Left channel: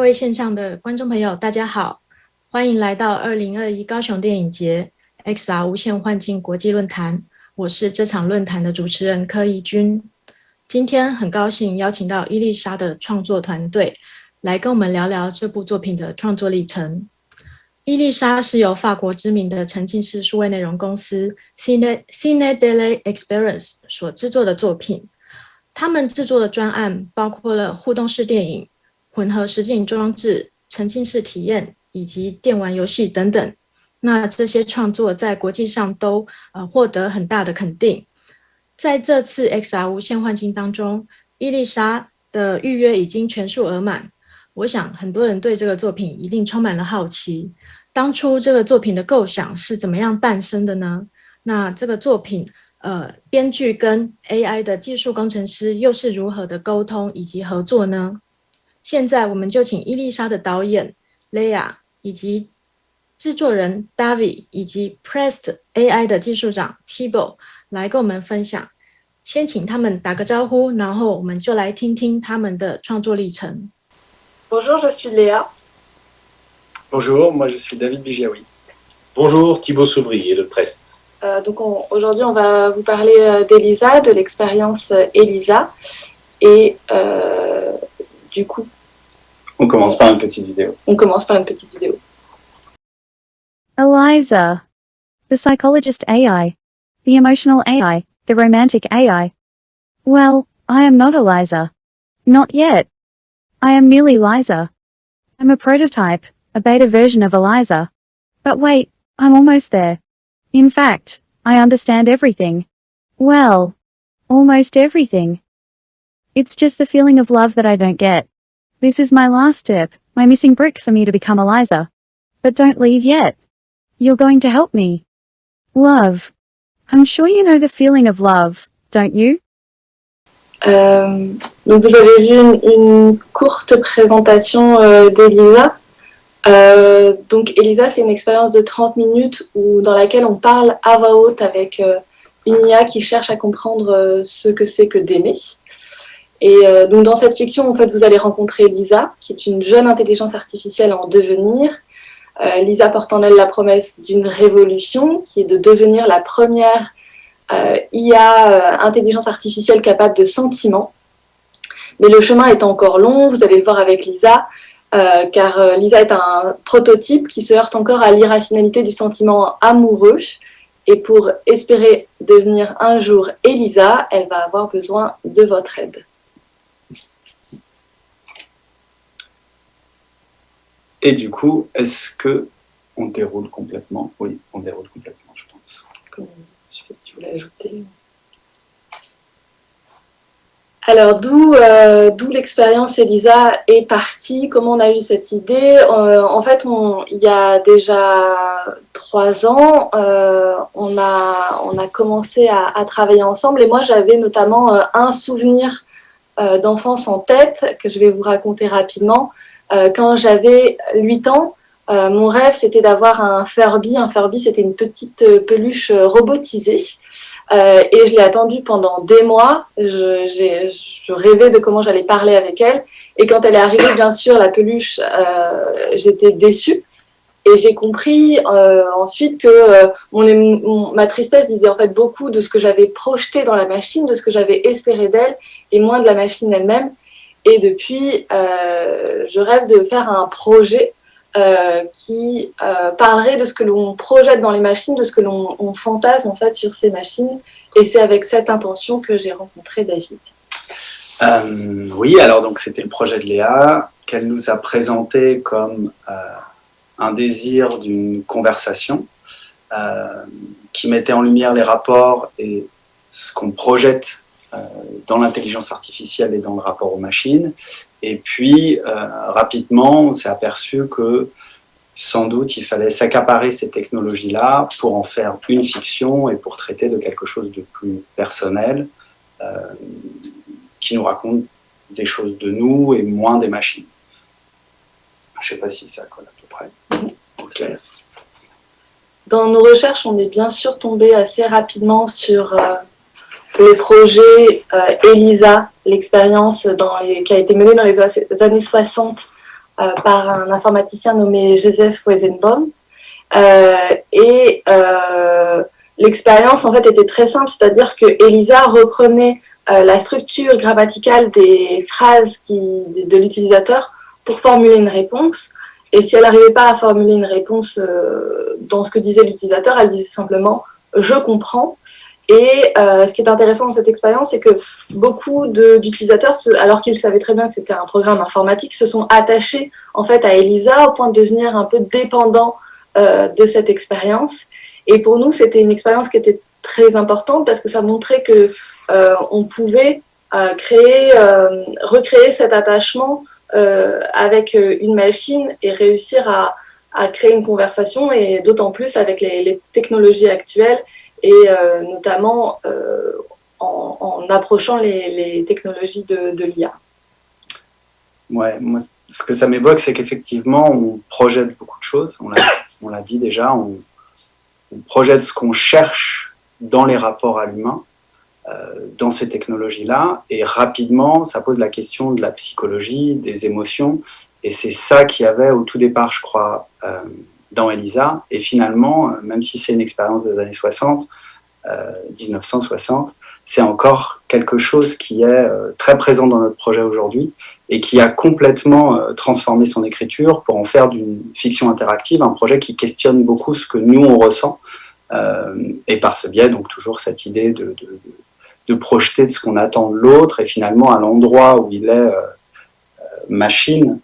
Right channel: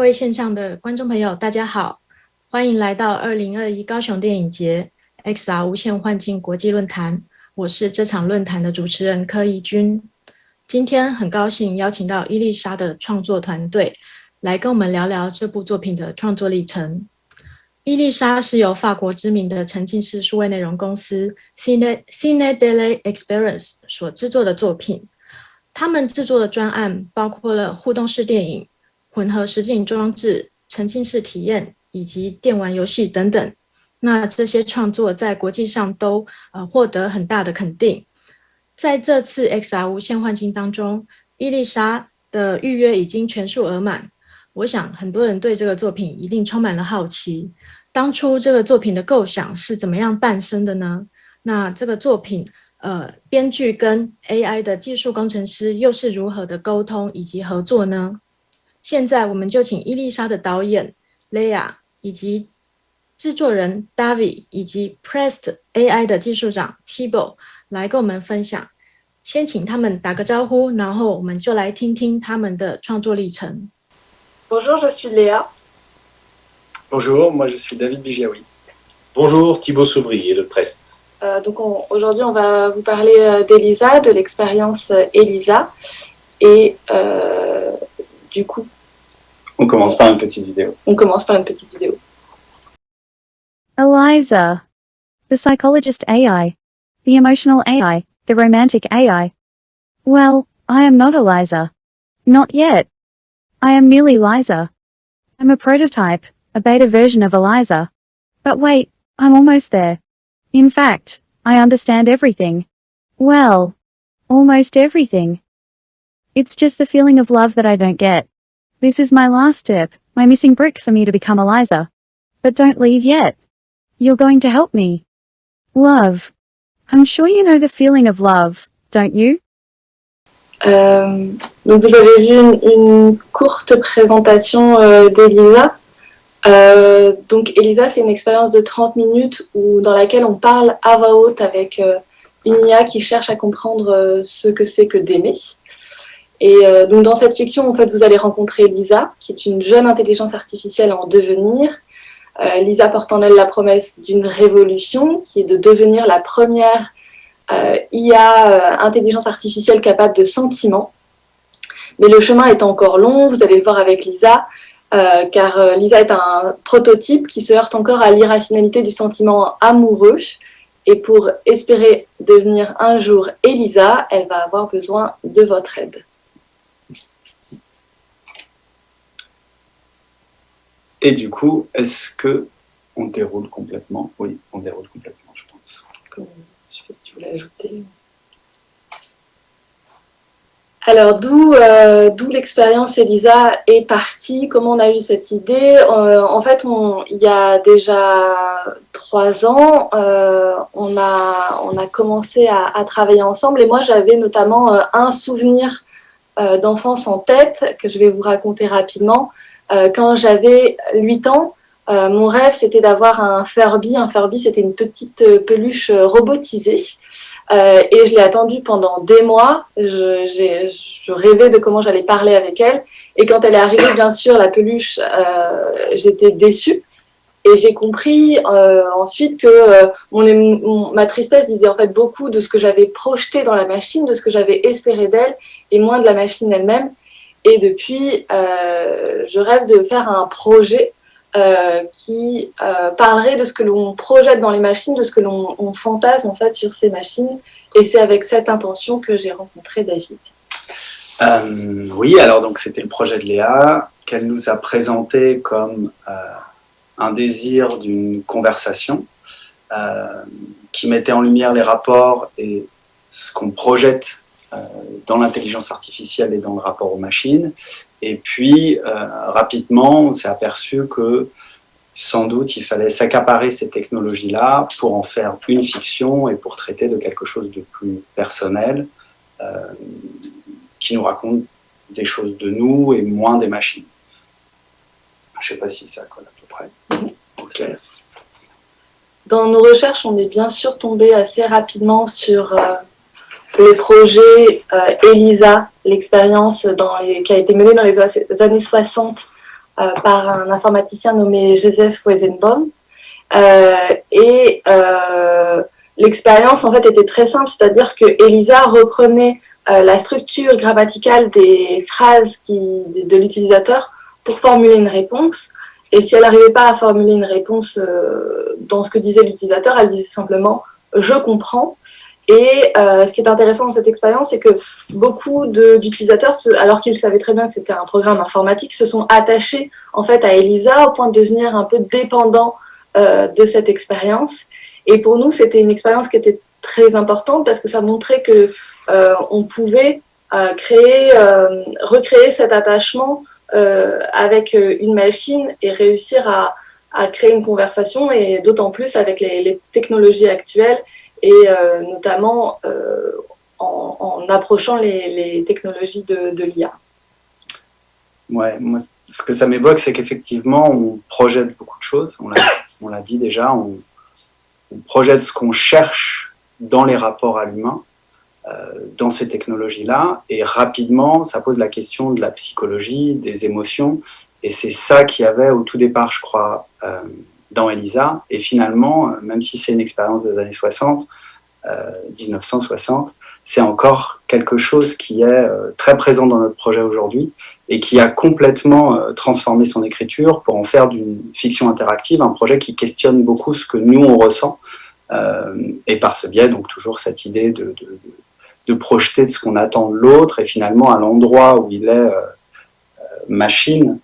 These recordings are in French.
位线上的观众朋友，大家好，欢迎来到2021高雄电影节 XR 无限幻境国际论坛。我是这场论坛的主持人柯怡君。今天很高兴邀请到伊丽莎的创作团队来跟我们聊聊这部作品的创作历程。伊丽莎是由法国知名的沉浸式数位内容公司 Cine Daily Experience 所制作的作品。他们制作的专案包括了互动式电影、混合实境装置、沉浸式体验以及电玩游戏等等。那这些创作在国际上都获得很大的肯定。在这次 XR 无限幻境当中，伊丽莎的预约已经全数额满。我想很多人对这个作品一定充满了好奇。当初这个作品的构想是怎么样诞生的呢？那这个作品编剧跟 AI 的技术工程师又是如何的沟通以及合作呢？现在我们就请伊丽莎的导演 Leia 以及制作人 David 以及 Prest AI 的技术长 Thibaut 来跟我们分享。先请他们打个招呼，然后我们就来听听他们的创作历程。Bonjour, je suis Léa. Bonjour, moi je suis David Bigiaoui. Bonjour, Thibaut Sobrier, le Prest. Aujourd'hui, on va vous parler d'Elisa, de l'expérience Elisa. Et du coup, on commence par une petite vidéo. Eliza, the psychologist AI, the emotional AI, the romantic AI. Well, I am not Eliza. Not yet. I am merely Liza. I'm a prototype, a beta version of Eliza. But wait, I'm almost there. In fact, I understand everything. Well, almost everything. It's just the feeling of love that I don't get. This is my last step, my missing brick for me to become Eliza. But don't leave yet. You're going to help me. Love. I'm sure you know the feeling of love, don't you? Donc vous avez vu une courte présentation d'Elisa. Donc Elisa, c'est une expérience de 30 minutes dans laquelle on parle à voix haute avec une IA qui cherche à comprendre ce que c'est que d'aimer. Et donc dans cette fiction, en fait, vous allez rencontrer Lisa, qui est une jeune intelligence artificielle en devenir. Lisa porte en elle la promesse d'une révolution, qui est de devenir la première IA, intelligence artificielle capable de sentiment. Mais le chemin est encore long, vous allez le voir avec Lisa, car Lisa est un prototype qui se heurte encore à l'irrationalité du sentiment amoureux. Et pour espérer devenir un jour Elisa, elle va avoir besoin de votre aide. Et du coup, est-ce qu'on déroule complètement? Oui, on déroule complètement, je pense. Je ne sais pas si tu voulais ajouter. Alors, d'où l'expérience Elisa est partie, comment on a eu cette idée. En fait, il y a déjà 3 ans, on a commencé à travailler ensemble et moi, j'avais notamment un souvenir d'enfance en tête que je vais vous raconter rapidement. Quand j'avais 8 ans, mon rêve, c'était d'avoir un Furby. Un Furby, c'était une petite peluche robotisée. Et je l'ai attendue pendant des mois. Je rêvais de comment j'allais parler avec elle. Et quand elle est arrivée, bien sûr, la peluche, j'étais déçue. Et j'ai compris ensuite que ma tristesse disait en fait beaucoup de ce que j'avais projeté dans la machine, de ce que j'avais espéré d'elle, et moins de la machine elle-même. Et depuis, je rêve de faire un projet qui parlerait de ce que l'on projette dans les machines, de ce que l'on fantasme en fait sur ces machines. Et c'est avec cette intention que j'ai rencontré David. Oui, alors donc c'était le projet de Léa qu'elle nous a présenté comme un désir d'une conversation qui mettait en lumière les rapports et ce qu'on projette dans l'intelligence artificielle et dans le rapport aux machines. Et puis, rapidement, on s'est aperçu que sans doute, il fallait s'accaparer ces technologies-là pour en faire une fiction et pour traiter de quelque chose de plus personnel qui nous raconte des choses de nous et moins des machines. Je ne sais pas si ça colle à peu près. Okay. Dans nos recherches, on est bien sûr tombé assez rapidement sur le projet Elisa, l'expérience qui a été menée dans les années 60 par un informaticien nommé Joseph Weizenbaum. L'expérience en fait était très simple, c'est-à-dire que Elisa reprenait la structure grammaticale des phrases de l'utilisateur pour formuler une réponse. Et si elle n'arrivait pas à formuler une réponse dans ce que disait l'utilisateur, elle disait simplement « je comprends ». Et ce qui est intéressant dans cette expérience, c'est que beaucoup d'utilisateurs, alors qu'ils savaient très bien que c'était un programme informatique, se sont attachés en fait à Elisa au point de devenir un peu dépendants de cette expérience. Et pour nous, c'était une expérience qui était très importante parce que ça montrait que on pouvait recréer cet attachement avec une machine et réussir à créer une conversation, et d'autant plus avec les technologies actuelles et notamment en approchant les technologies de l'IA. Ouais, moi, ce que ça m'évoque, c'est qu'effectivement, on projette beaucoup de choses. On l'a dit déjà, on projette ce qu'on cherche dans les rapports à l'humain, dans ces technologies-là, et rapidement, ça pose la question de la psychologie, des émotions, et c'est ça qu'il y avait au tout départ, je crois, dans Elisa, et finalement, même si c'est une expérience des années 60, 1960, c'est encore quelque chose qui est très présent dans notre projet aujourd'hui et qui a complètement transformé son écriture pour en faire d'une fiction interactive un projet qui questionne beaucoup ce que nous on ressent, et par ce biais donc toujours cette idée de projeter de ce qu'on attend de l'autre, et finalement à l'endroit où il est machine,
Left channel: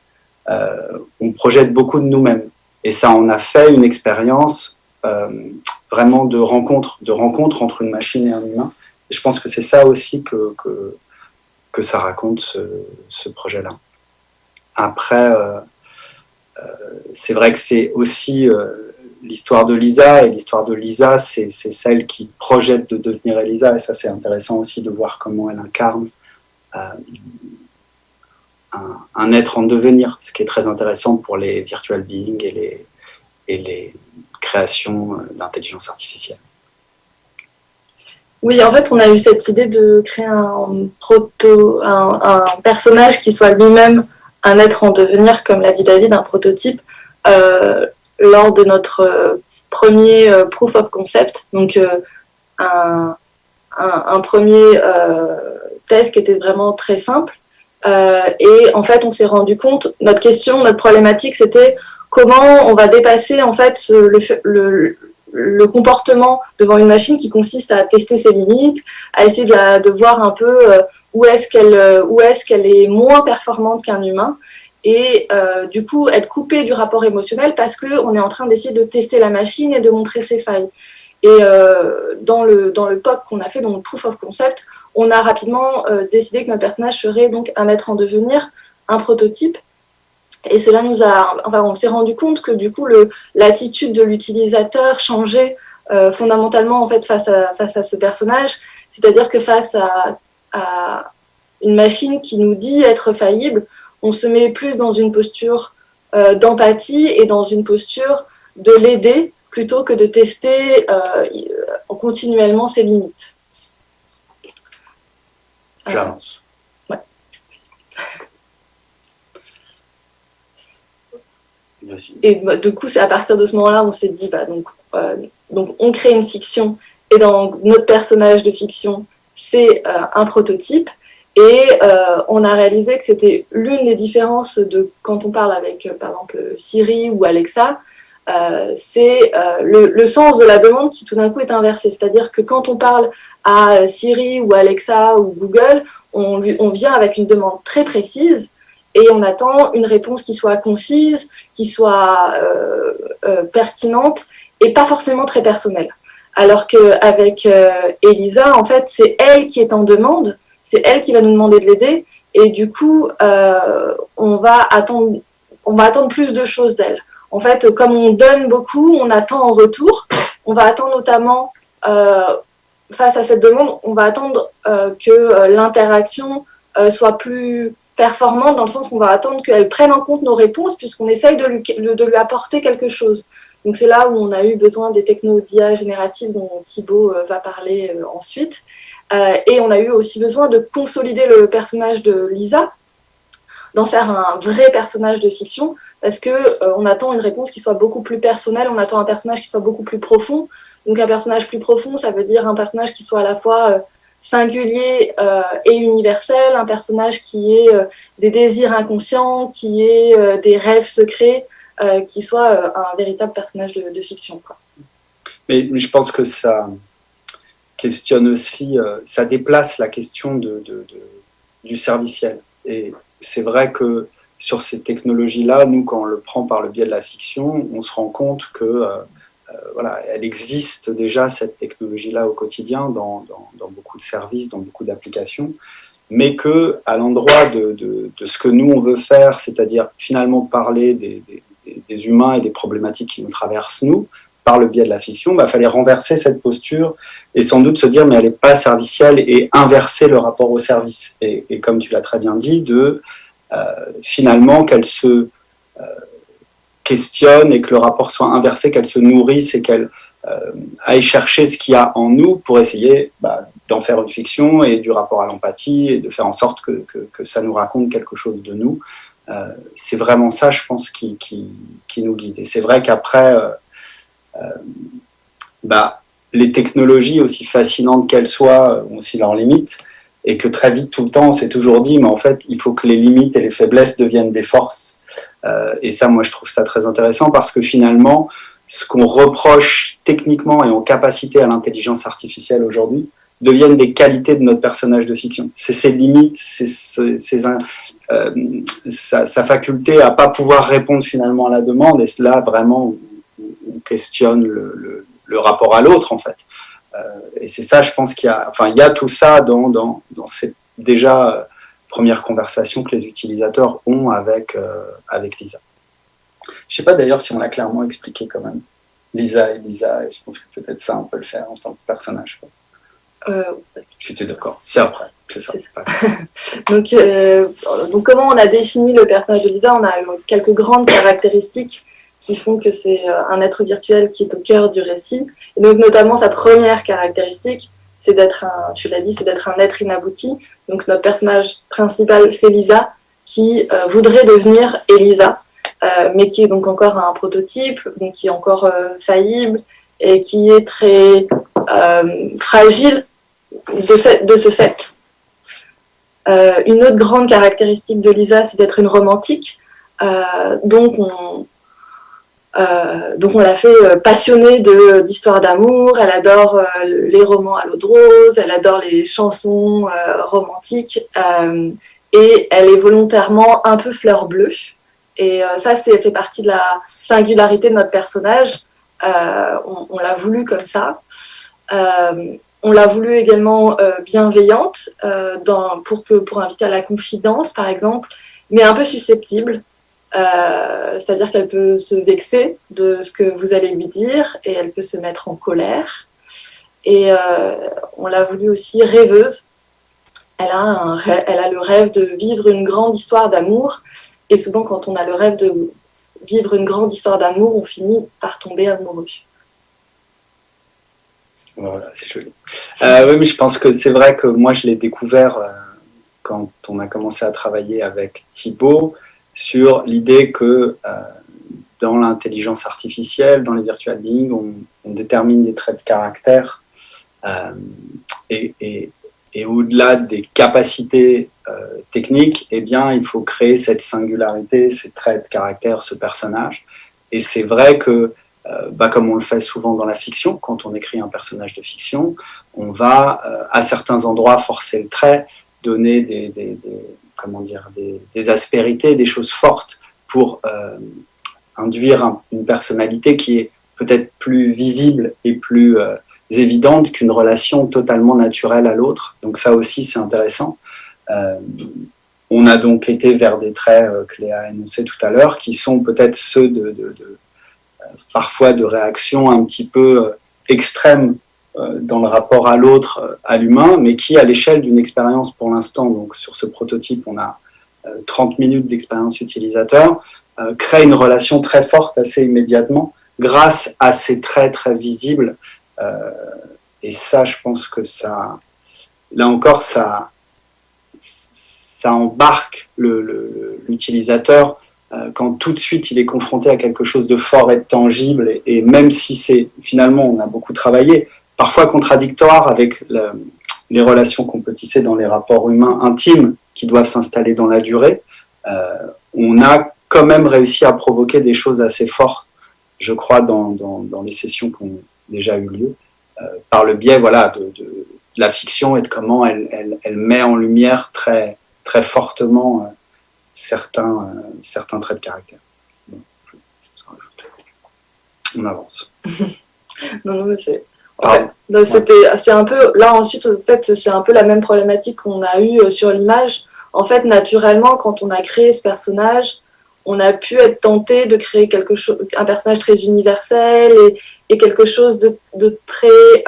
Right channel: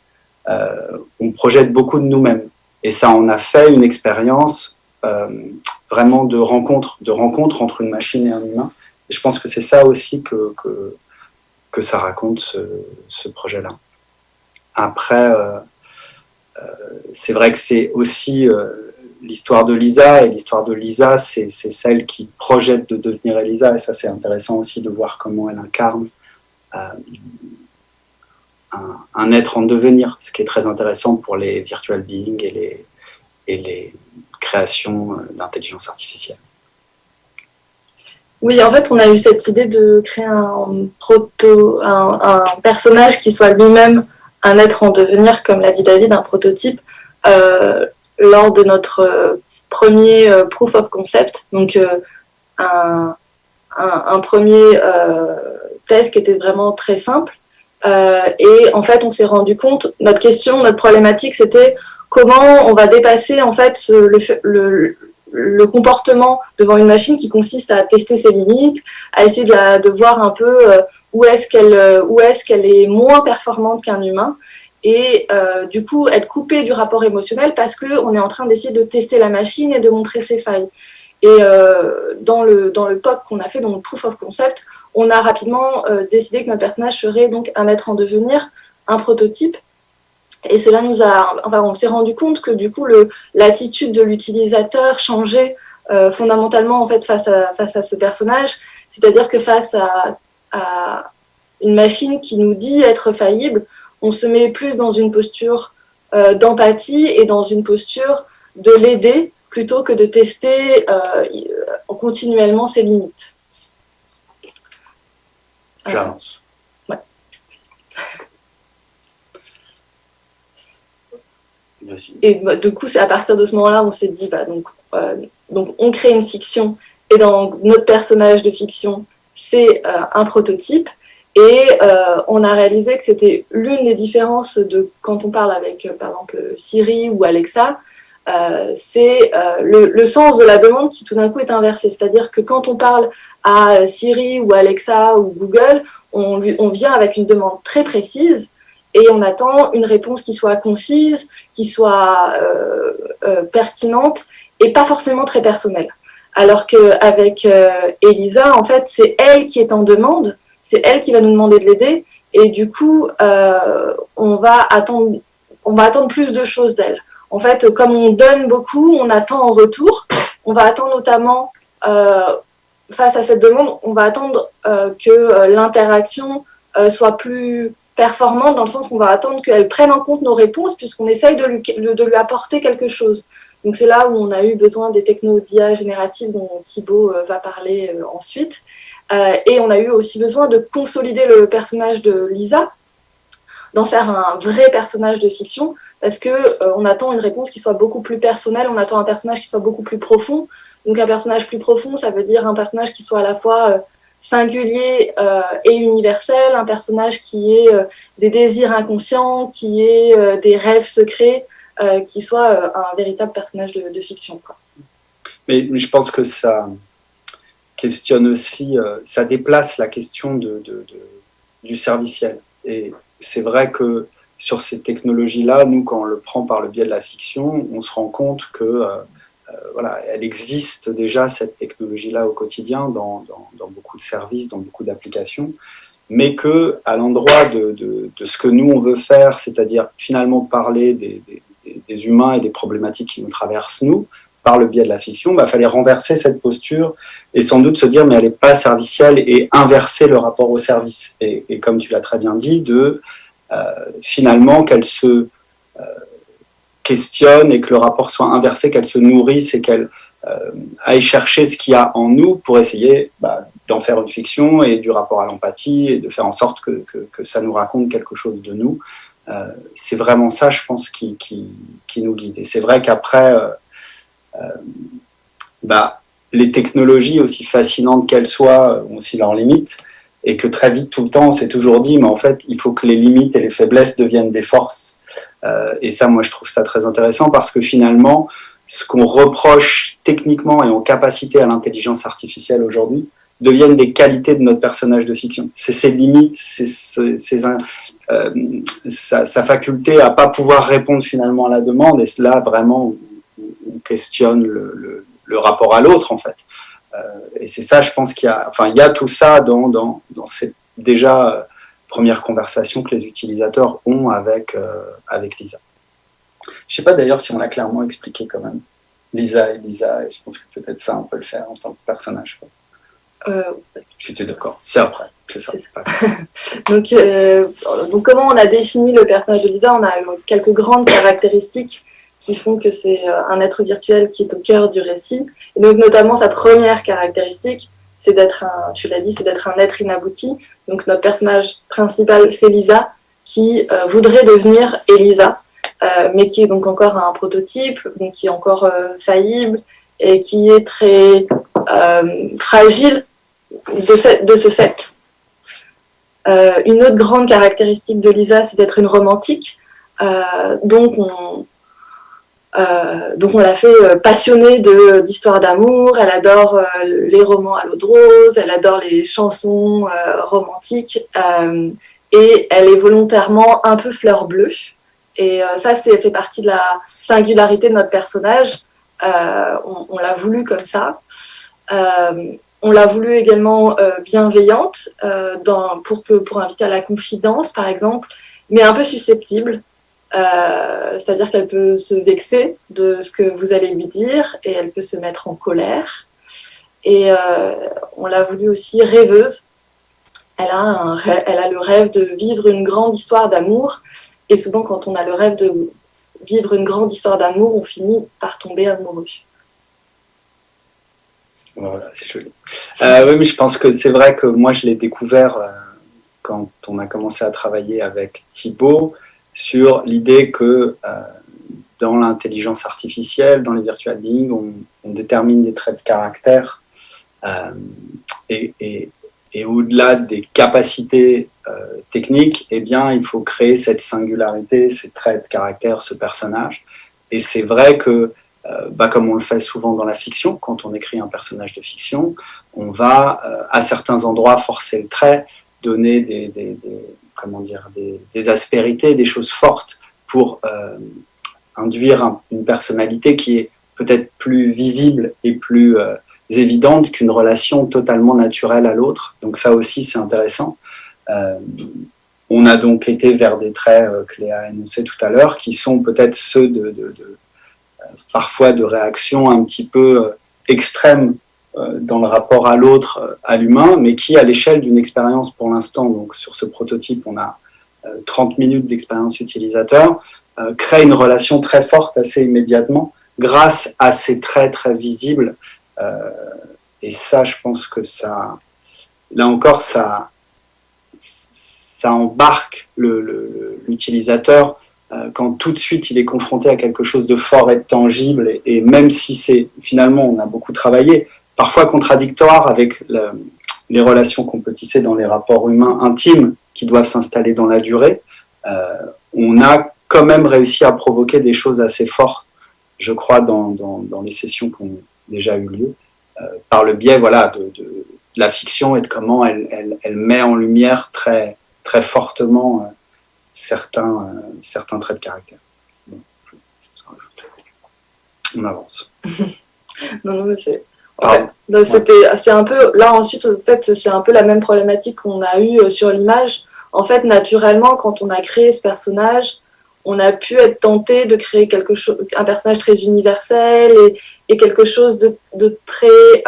on projette beaucoup de nous-mêmes, et ça en a fait une expérience vraiment de rencontre entre une machine et un humain. Et je pense que c'est ça aussi que ça raconte ce projet-là. Après, c'est vrai que c'est aussi l'histoire de Lisa, et l'histoire de Lisa, c'est celle qui projette de devenir Elisa, et ça c'est intéressant aussi de voir comment elle incarne un être en devenir, ce qui est très intéressant pour les virtual beings et les créations d'intelligence artificielle. Oui, en fait, on a eu cette idée de créer un personnage qui soit lui-même un être en devenir, comme l'a dit David, un prototype, lors de notre premier proof of concept, donc un premier test qui était vraiment très simple. Et en fait, on s'est rendu compte, notre problématique, c'était comment on va dépasser en fait le comportement devant une machine qui consiste à tester ses limites, à essayer de voir un peu où est-ce qu'elle est moins performante qu'un humain, et du coup être coupé du rapport émotionnel parce qu'on est en train d'essayer de tester la machine et de montrer ses failles. Et dans le POC qu'on a fait, dans le Proof of Concept, on a rapidement décidé que notre personnage serait donc un être en devenir, un prototype. Et cela on s'est rendu compte que du coup l'attitude de l'utilisateur changeait fondamentalement en fait face à ce personnage, c'est-à-dire que face à une machine qui nous dit être faillible, on se met plus dans une posture d'empathie et dans une posture de l'aider plutôt que de tester continuellement ses limites. J'avance. Ouais. Et du coup, c'est à partir de ce moment-là, on s'est dit, donc on crée une fiction, et dans notre personnage de fiction, c'est un prototype, et on a réalisé que c'était l'une des différences de quand on parle avec, par exemple, Siri ou Alexa, c'est le sens de la demande qui tout d'un coup est inversé. C'est-à-dire que quand on parle à Siri ou Alexa ou Google, on vient avec une demande très précise, et on attend une réponse qui soit concise, qui soit pertinente et pas forcément très personnelle. Alors qu'avec Elisa, en fait, c'est elle qui est en demande, c'est elle qui va nous demander de l'aider, et du coup, on va attendre plus de choses d'elle. En fait, comme on donne beaucoup, on attend en retour. On va attendre notamment, face à cette demande, on va attendre que l'interaction soit plus performante, dans le sens qu'on va attendre qu'elle prenne en compte nos réponses, puisqu'on essaye de lui apporter quelque chose. Donc c'est là où on a eu besoin des technos d'IA générative dont Thibaut va parler ensuite. Et on a eu aussi besoin de consolider le personnage de Lisa, d'en faire un vrai personnage de fiction, parce que on attend une réponse qui soit beaucoup plus personnelle, on attend un personnage qui soit beaucoup plus profond. Donc un personnage plus profond, ça veut dire un personnage qui soit à la fois singulier et universel, un personnage qui ait des désirs inconscients, qui ait des rêves secrets, qui soit un véritable personnage de fiction, quoi. Mais je pense que ça questionne aussi, ça déplace la question du serviciel. Et c'est vrai que sur ces technologies-là, nous, quand on le prend par le biais de la fiction, on se rend compte que voilà, elle existe déjà, cette technologie-là, au quotidien, dans beaucoup de services, dans beaucoup d'applications, mais qu'à l'endroit de ce que nous, on veut faire, c'est-à-dire finalement parler des humains et des problématiques qui nous traversent, nous, par le biais de la fiction, il fallait renverser cette posture et sans doute se dire mais elle n'est pas servicielle et inverser le rapport au service. Et comme tu l'as très bien dit, finalement qu'elle se questionne et que le rapport soit inversé, qu'elle se nourrisse et qu'elle aille chercher ce qu'il y a en nous pour essayer d'en faire une fiction et du rapport à l'empathie et de faire en sorte que ça nous raconte quelque chose de nous. C'est vraiment ça, je pense, qui nous guide. Et c'est vrai qu'après, les technologies, aussi fascinantes qu'elles soient, ont aussi leurs limites, et que très vite, tout le temps, on s'est toujours dit, mais en fait, il faut que les limites et les faiblesses deviennent des forces. Et ça, moi, je trouve ça très intéressant, parce que finalement, ce qu'on reproche techniquement et en capacité à l'intelligence artificielle aujourd'hui, deviennent des qualités de notre personnage de fiction. C'est ses limites, sa faculté à ne pas pouvoir répondre finalement à la demande, et là, vraiment, on questionne le rapport à l'autre, en fait. Et c'est ça, je pense qu'il y a tout ça dans cette déjà première conversation que les utilisateurs ont avec Lisa. Je ne sais pas d'ailleurs si on l'a clairement expliqué quand même. Lisa et Lisa, et je pense que peut-être ça, on peut le faire en tant que personnage. J'étais d'accord, c'est après, c'est ça. Donc, comment on a défini le personnage de Lisa? On a quelques grandes caractéristiques qui font que c'est un être virtuel qui est au cœur du récit. Et donc, notamment, sa première caractéristique, c'est d'être un être inabouti. Donc, notre personnage principal, c'est Lisa, qui voudrait devenir Elisa, mais qui est donc encore un prototype, donc qui est encore faillible et qui est très fragile de ce fait. Une autre grande caractéristique de Lisa, c'est d'être une romantique. Donc on l'a fait passionnée d'histoires d'amour. Elle adore les romans à l'eau de rose, elle adore les chansons romantiques, et elle est volontairement un peu fleur bleue. Et ça, fait partie de la singularité de notre personnage. On l'a voulu comme ça. On l'a voulu également bienveillante, pour inviter à la confidence, par exemple, mais un peu susceptible. C'est-à-dire qu'elle peut se vexer de ce que vous allez lui dire et elle peut se mettre en colère. Et on l'a voulu aussi rêveuse. Elle a le rêve de vivre une grande histoire d'amour. Et souvent, quand on a le rêve de vivre une grande histoire d'amour, on finit par tomber amoureux. Voilà, c'est joli. Oui, mais je pense que c'est vrai que moi, je l'ai découvert quand on a commencé à travailler avec Thibaut sur l'idée que dans l'intelligence artificielle, dans les virtual beings, on détermine des traits de caractère et au-delà des capacités techniques, eh bien, il faut créer cette singularité, ces traits de caractère, ce personnage. Et c'est vrai que comme on le fait souvent dans la fiction, quand on écrit un personnage de fiction, on va à certains endroits forcer le trait, donner des aspérités, des choses fortes pour induire une personnalité qui est peut-être plus visible et plus évidente qu'une relation totalement naturelle à l'autre. Donc ça aussi, c'est intéressant. On a donc été vers des traits que Léa a énoncés tout à l'heure, qui sont peut-être ceux parfois de réactions un petit peu extrêmes dans le rapport à l'autre, à l'humain, mais qui, à l'échelle d'une expérience pour l'instant, donc sur ce prototype, on a 30 minutes d'expérience utilisateur, crée une relation très forte assez immédiatement, grâce à ces traits très visibles. Et ça, je pense que ça, là encore, ça ça embarque l'utilisateur quand tout de suite il est confronté à quelque chose de fort et de tangible, et même si c'est finalement, on a beaucoup travaillé, parfois contradictoire avec les relations qu'on peut tisser dans les rapports humains intimes qui doivent s'installer dans la durée, on a quand même réussi à provoquer des choses assez fortes, je crois, dans les sessions qui ont déjà eu lieu, par le biais de la fiction et de comment elle met en lumière très, très fortement certains traits de caractère. On avance. Non, mais c'est... c'est un peu... Là, ensuite, en fait, c'est un peu la même problématique qu'on a eue sur l'image. En fait, naturellement, quand on a créé ce personnage, on a pu être tenté de créer un personnage très universel et quelque chose de très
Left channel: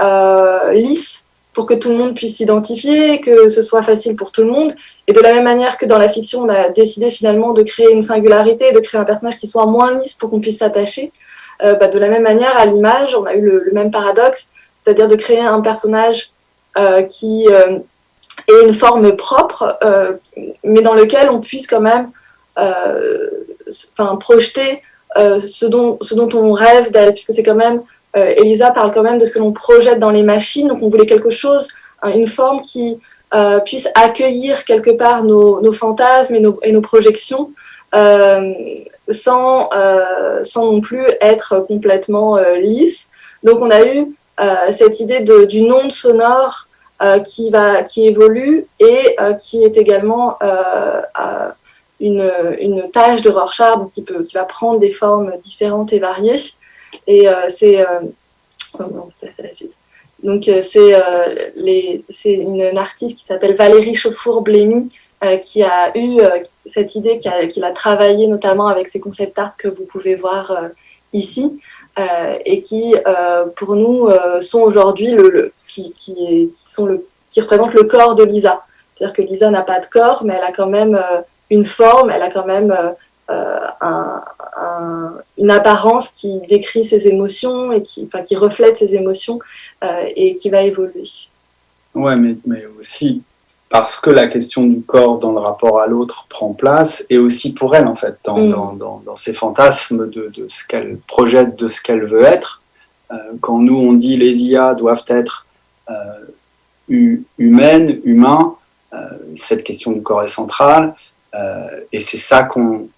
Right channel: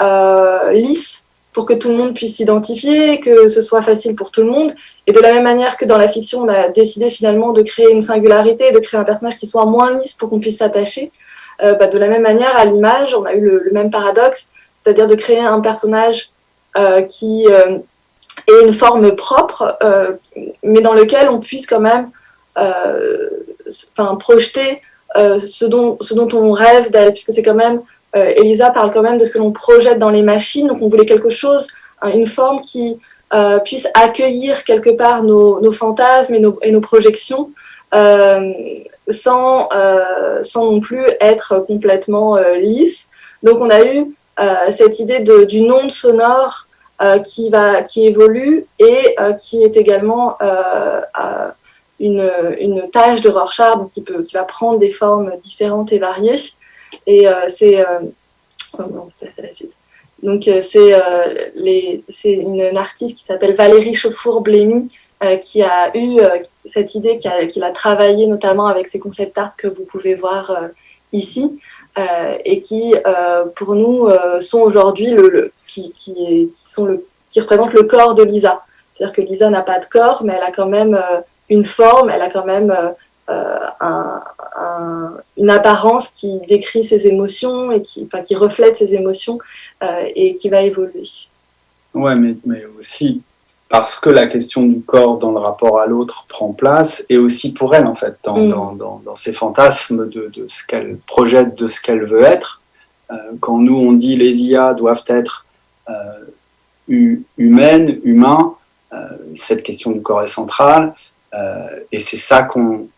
lisse pour que tout le monde puisse s'identifier, que ce soit facile pour tout le monde. Et de la même manière que dans la fiction, on a décidé finalement de créer une singularité, de créer un personnage qui soit moins lisse pour qu'on puisse s'attacher. De la même manière, à l'image, on a eu le même paradoxe, c'est-à-dire de créer un personnage qui ait une forme propre, mais dans lequel on puisse quand même projeter ce dont on rêve d'elle, puisque c'est quand même, Elisa parle quand même de ce que l'on projette dans les machines, donc on voulait quelque chose, une forme qui puisse accueillir quelque part nos fantasmes et nos projections, sans non plus être complètement lisse. Donc on a eu cette idée d'une onde sonore qui évolue et qui est également une tâche de Rorschach qui va prendre des formes différentes et variées. Et c'est... on passe à la suite. Donc c'est une artiste qui s'appelle Valérie Chauffour-Blémy qui a eu cette idée, qui l'a travaillée notamment avec ces concept art que vous pouvez voir ici, et qui, pour nous, sont aujourd'hui qui représentent le corps de Lisa. C'est-à-dire que Lisa n'a pas de corps, mais elle a quand même une forme, elle a quand même une apparence qui décrit ses émotions et qui reflète ses émotions et qui va évoluer. Ouais, mais aussi parce que la question du corps dans le rapport à l'autre prend place, et aussi pour elle, en fait, dans ses fantasmes de ce qu'elle projette, de ce qu'elle veut être. Quand nous, on dit les IA doivent être humaines, humains, cette question du corps est centrale, et c'est ça qu'on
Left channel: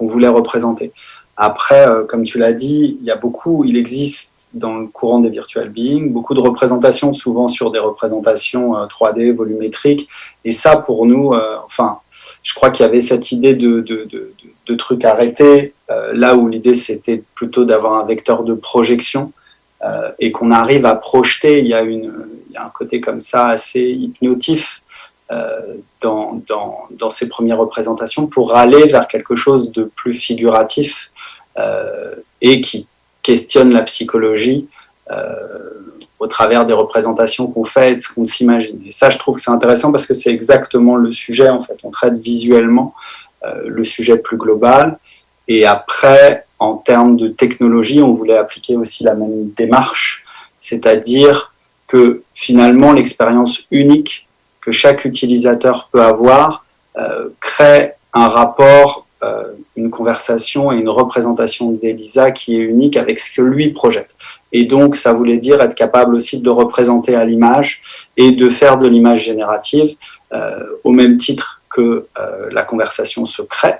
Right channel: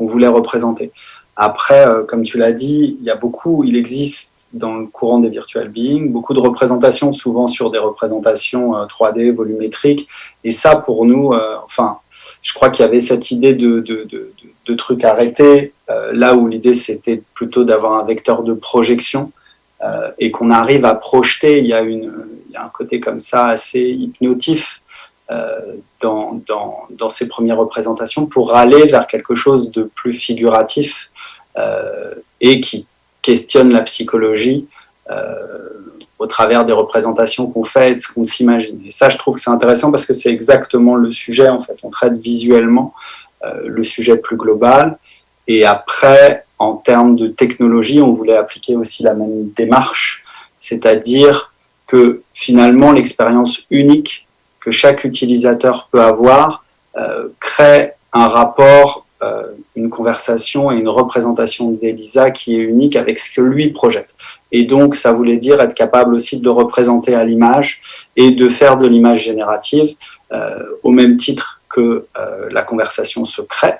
voulait représenter. Après, comme tu l'as dit, il existe dans le courant des virtual beings beaucoup de représentations, souvent sur des représentations 3D, volumétriques, et ça pour nous, je crois qu'il y avait cette idée de trucs arrêtés, là où l'idée c'était plutôt d'avoir un vecteur de projection, et qu'on arrive à projeter. Il y a un côté comme ça assez hypnotif dans ces premières représentations pour aller vers quelque chose de plus figuratif et qui questionne la psychologie au travers des représentations qu'on fait et de ce qu'on s'imagine. Et ça, je trouve que c'est intéressant parce que c'est exactement le sujet, en fait. On traite visuellement le sujet plus global. Et après, en termes de technologie, on voulait appliquer aussi la même démarche, c'est-à-dire que finalement, l'expérience unique que chaque utilisateur peut avoir crée un rapport, une conversation et une représentation d'Elisa qui est unique avec ce que lui projette. Et donc, ça voulait dire être capable aussi de le représenter à l'image et de faire de l'image générative au même titre que la conversation se crée.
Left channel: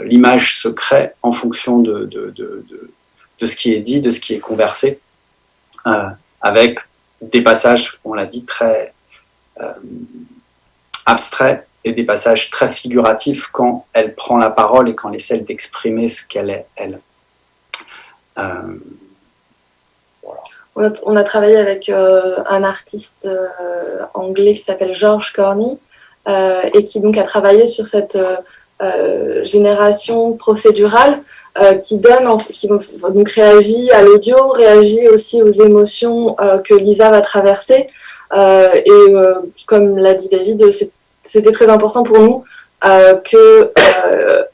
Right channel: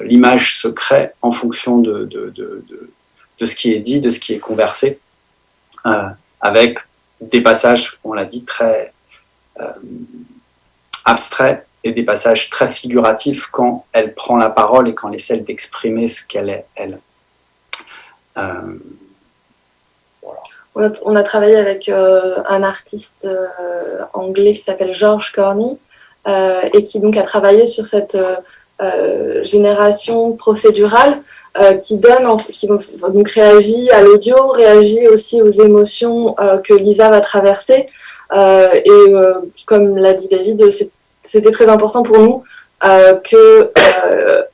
L'image se crée en fonction de ce qui est dit, de ce qui est conversé, avec des passages, on l'a dit, très abstraits et des passages très figuratifs quand elle prend la parole et quand elle essaie d'exprimer ce qu'elle est, elle. Voilà. On a travaillé avec un artiste anglais qui s'appelle George Corney et qui donc a travaillé sur cette génération procédurale qui donc réagit à l'audio, réagit aussi aux émotions que Lisa va traverser. Comme l'a dit David, c'était très important pour nous qu'il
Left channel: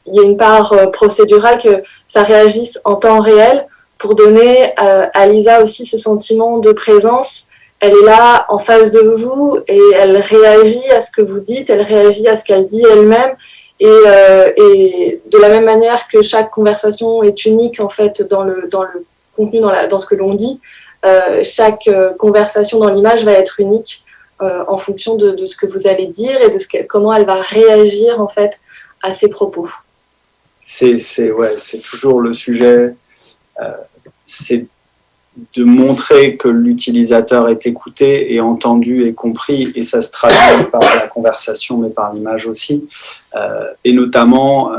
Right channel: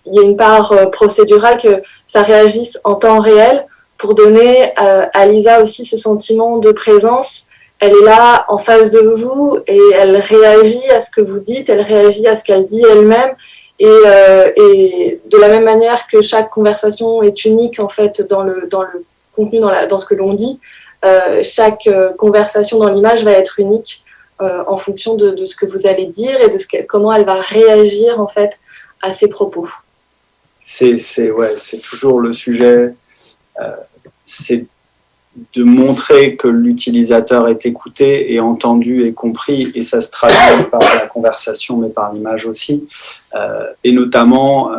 y ait une part procédurale, que ça réagisse en temps réel pour donner à Lisa aussi ce sentiment de présence elle est là en face de vous et elle réagit à ce que vous dites, elle réagit à ce qu'elle dit elle-même. Et de la même manière que chaque conversation est unique en fait dans le contenu, dans ce que l'on dit, chaque conversation dans l'image va être unique en fonction de ce que vous allez dire et de comment elle va réagir en fait à ses propos. C'est toujours le sujet, c'est de montrer que l'utilisateur est écouté et entendu et compris, et ça se traduit par la conversation mais par l'image aussi, et notamment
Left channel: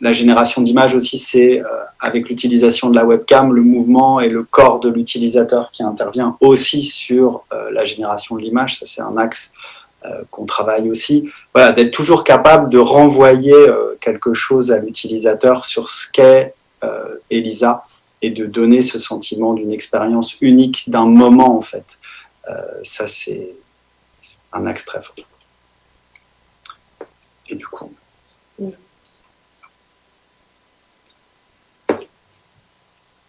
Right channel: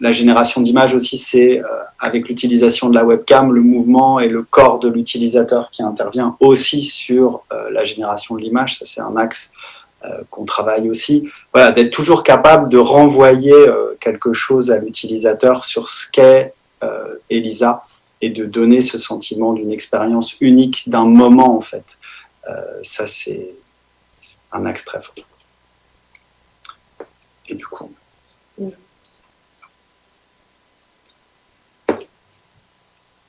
la génération d'images aussi, c'est avec l'utilisation de la webcam, le mouvement et le corps de l'utilisateur qui intervient aussi sur la génération de l'image. Ça, c'est un axe qu'on travaille aussi. Voilà, d'être toujours capable de renvoyer quelque chose à l'utilisateur sur ce qu'est Elisa et de donner ce sentiment d'une expérience unique, d'un moment en fait. Ça, c'est un axe très fort. Et du coup...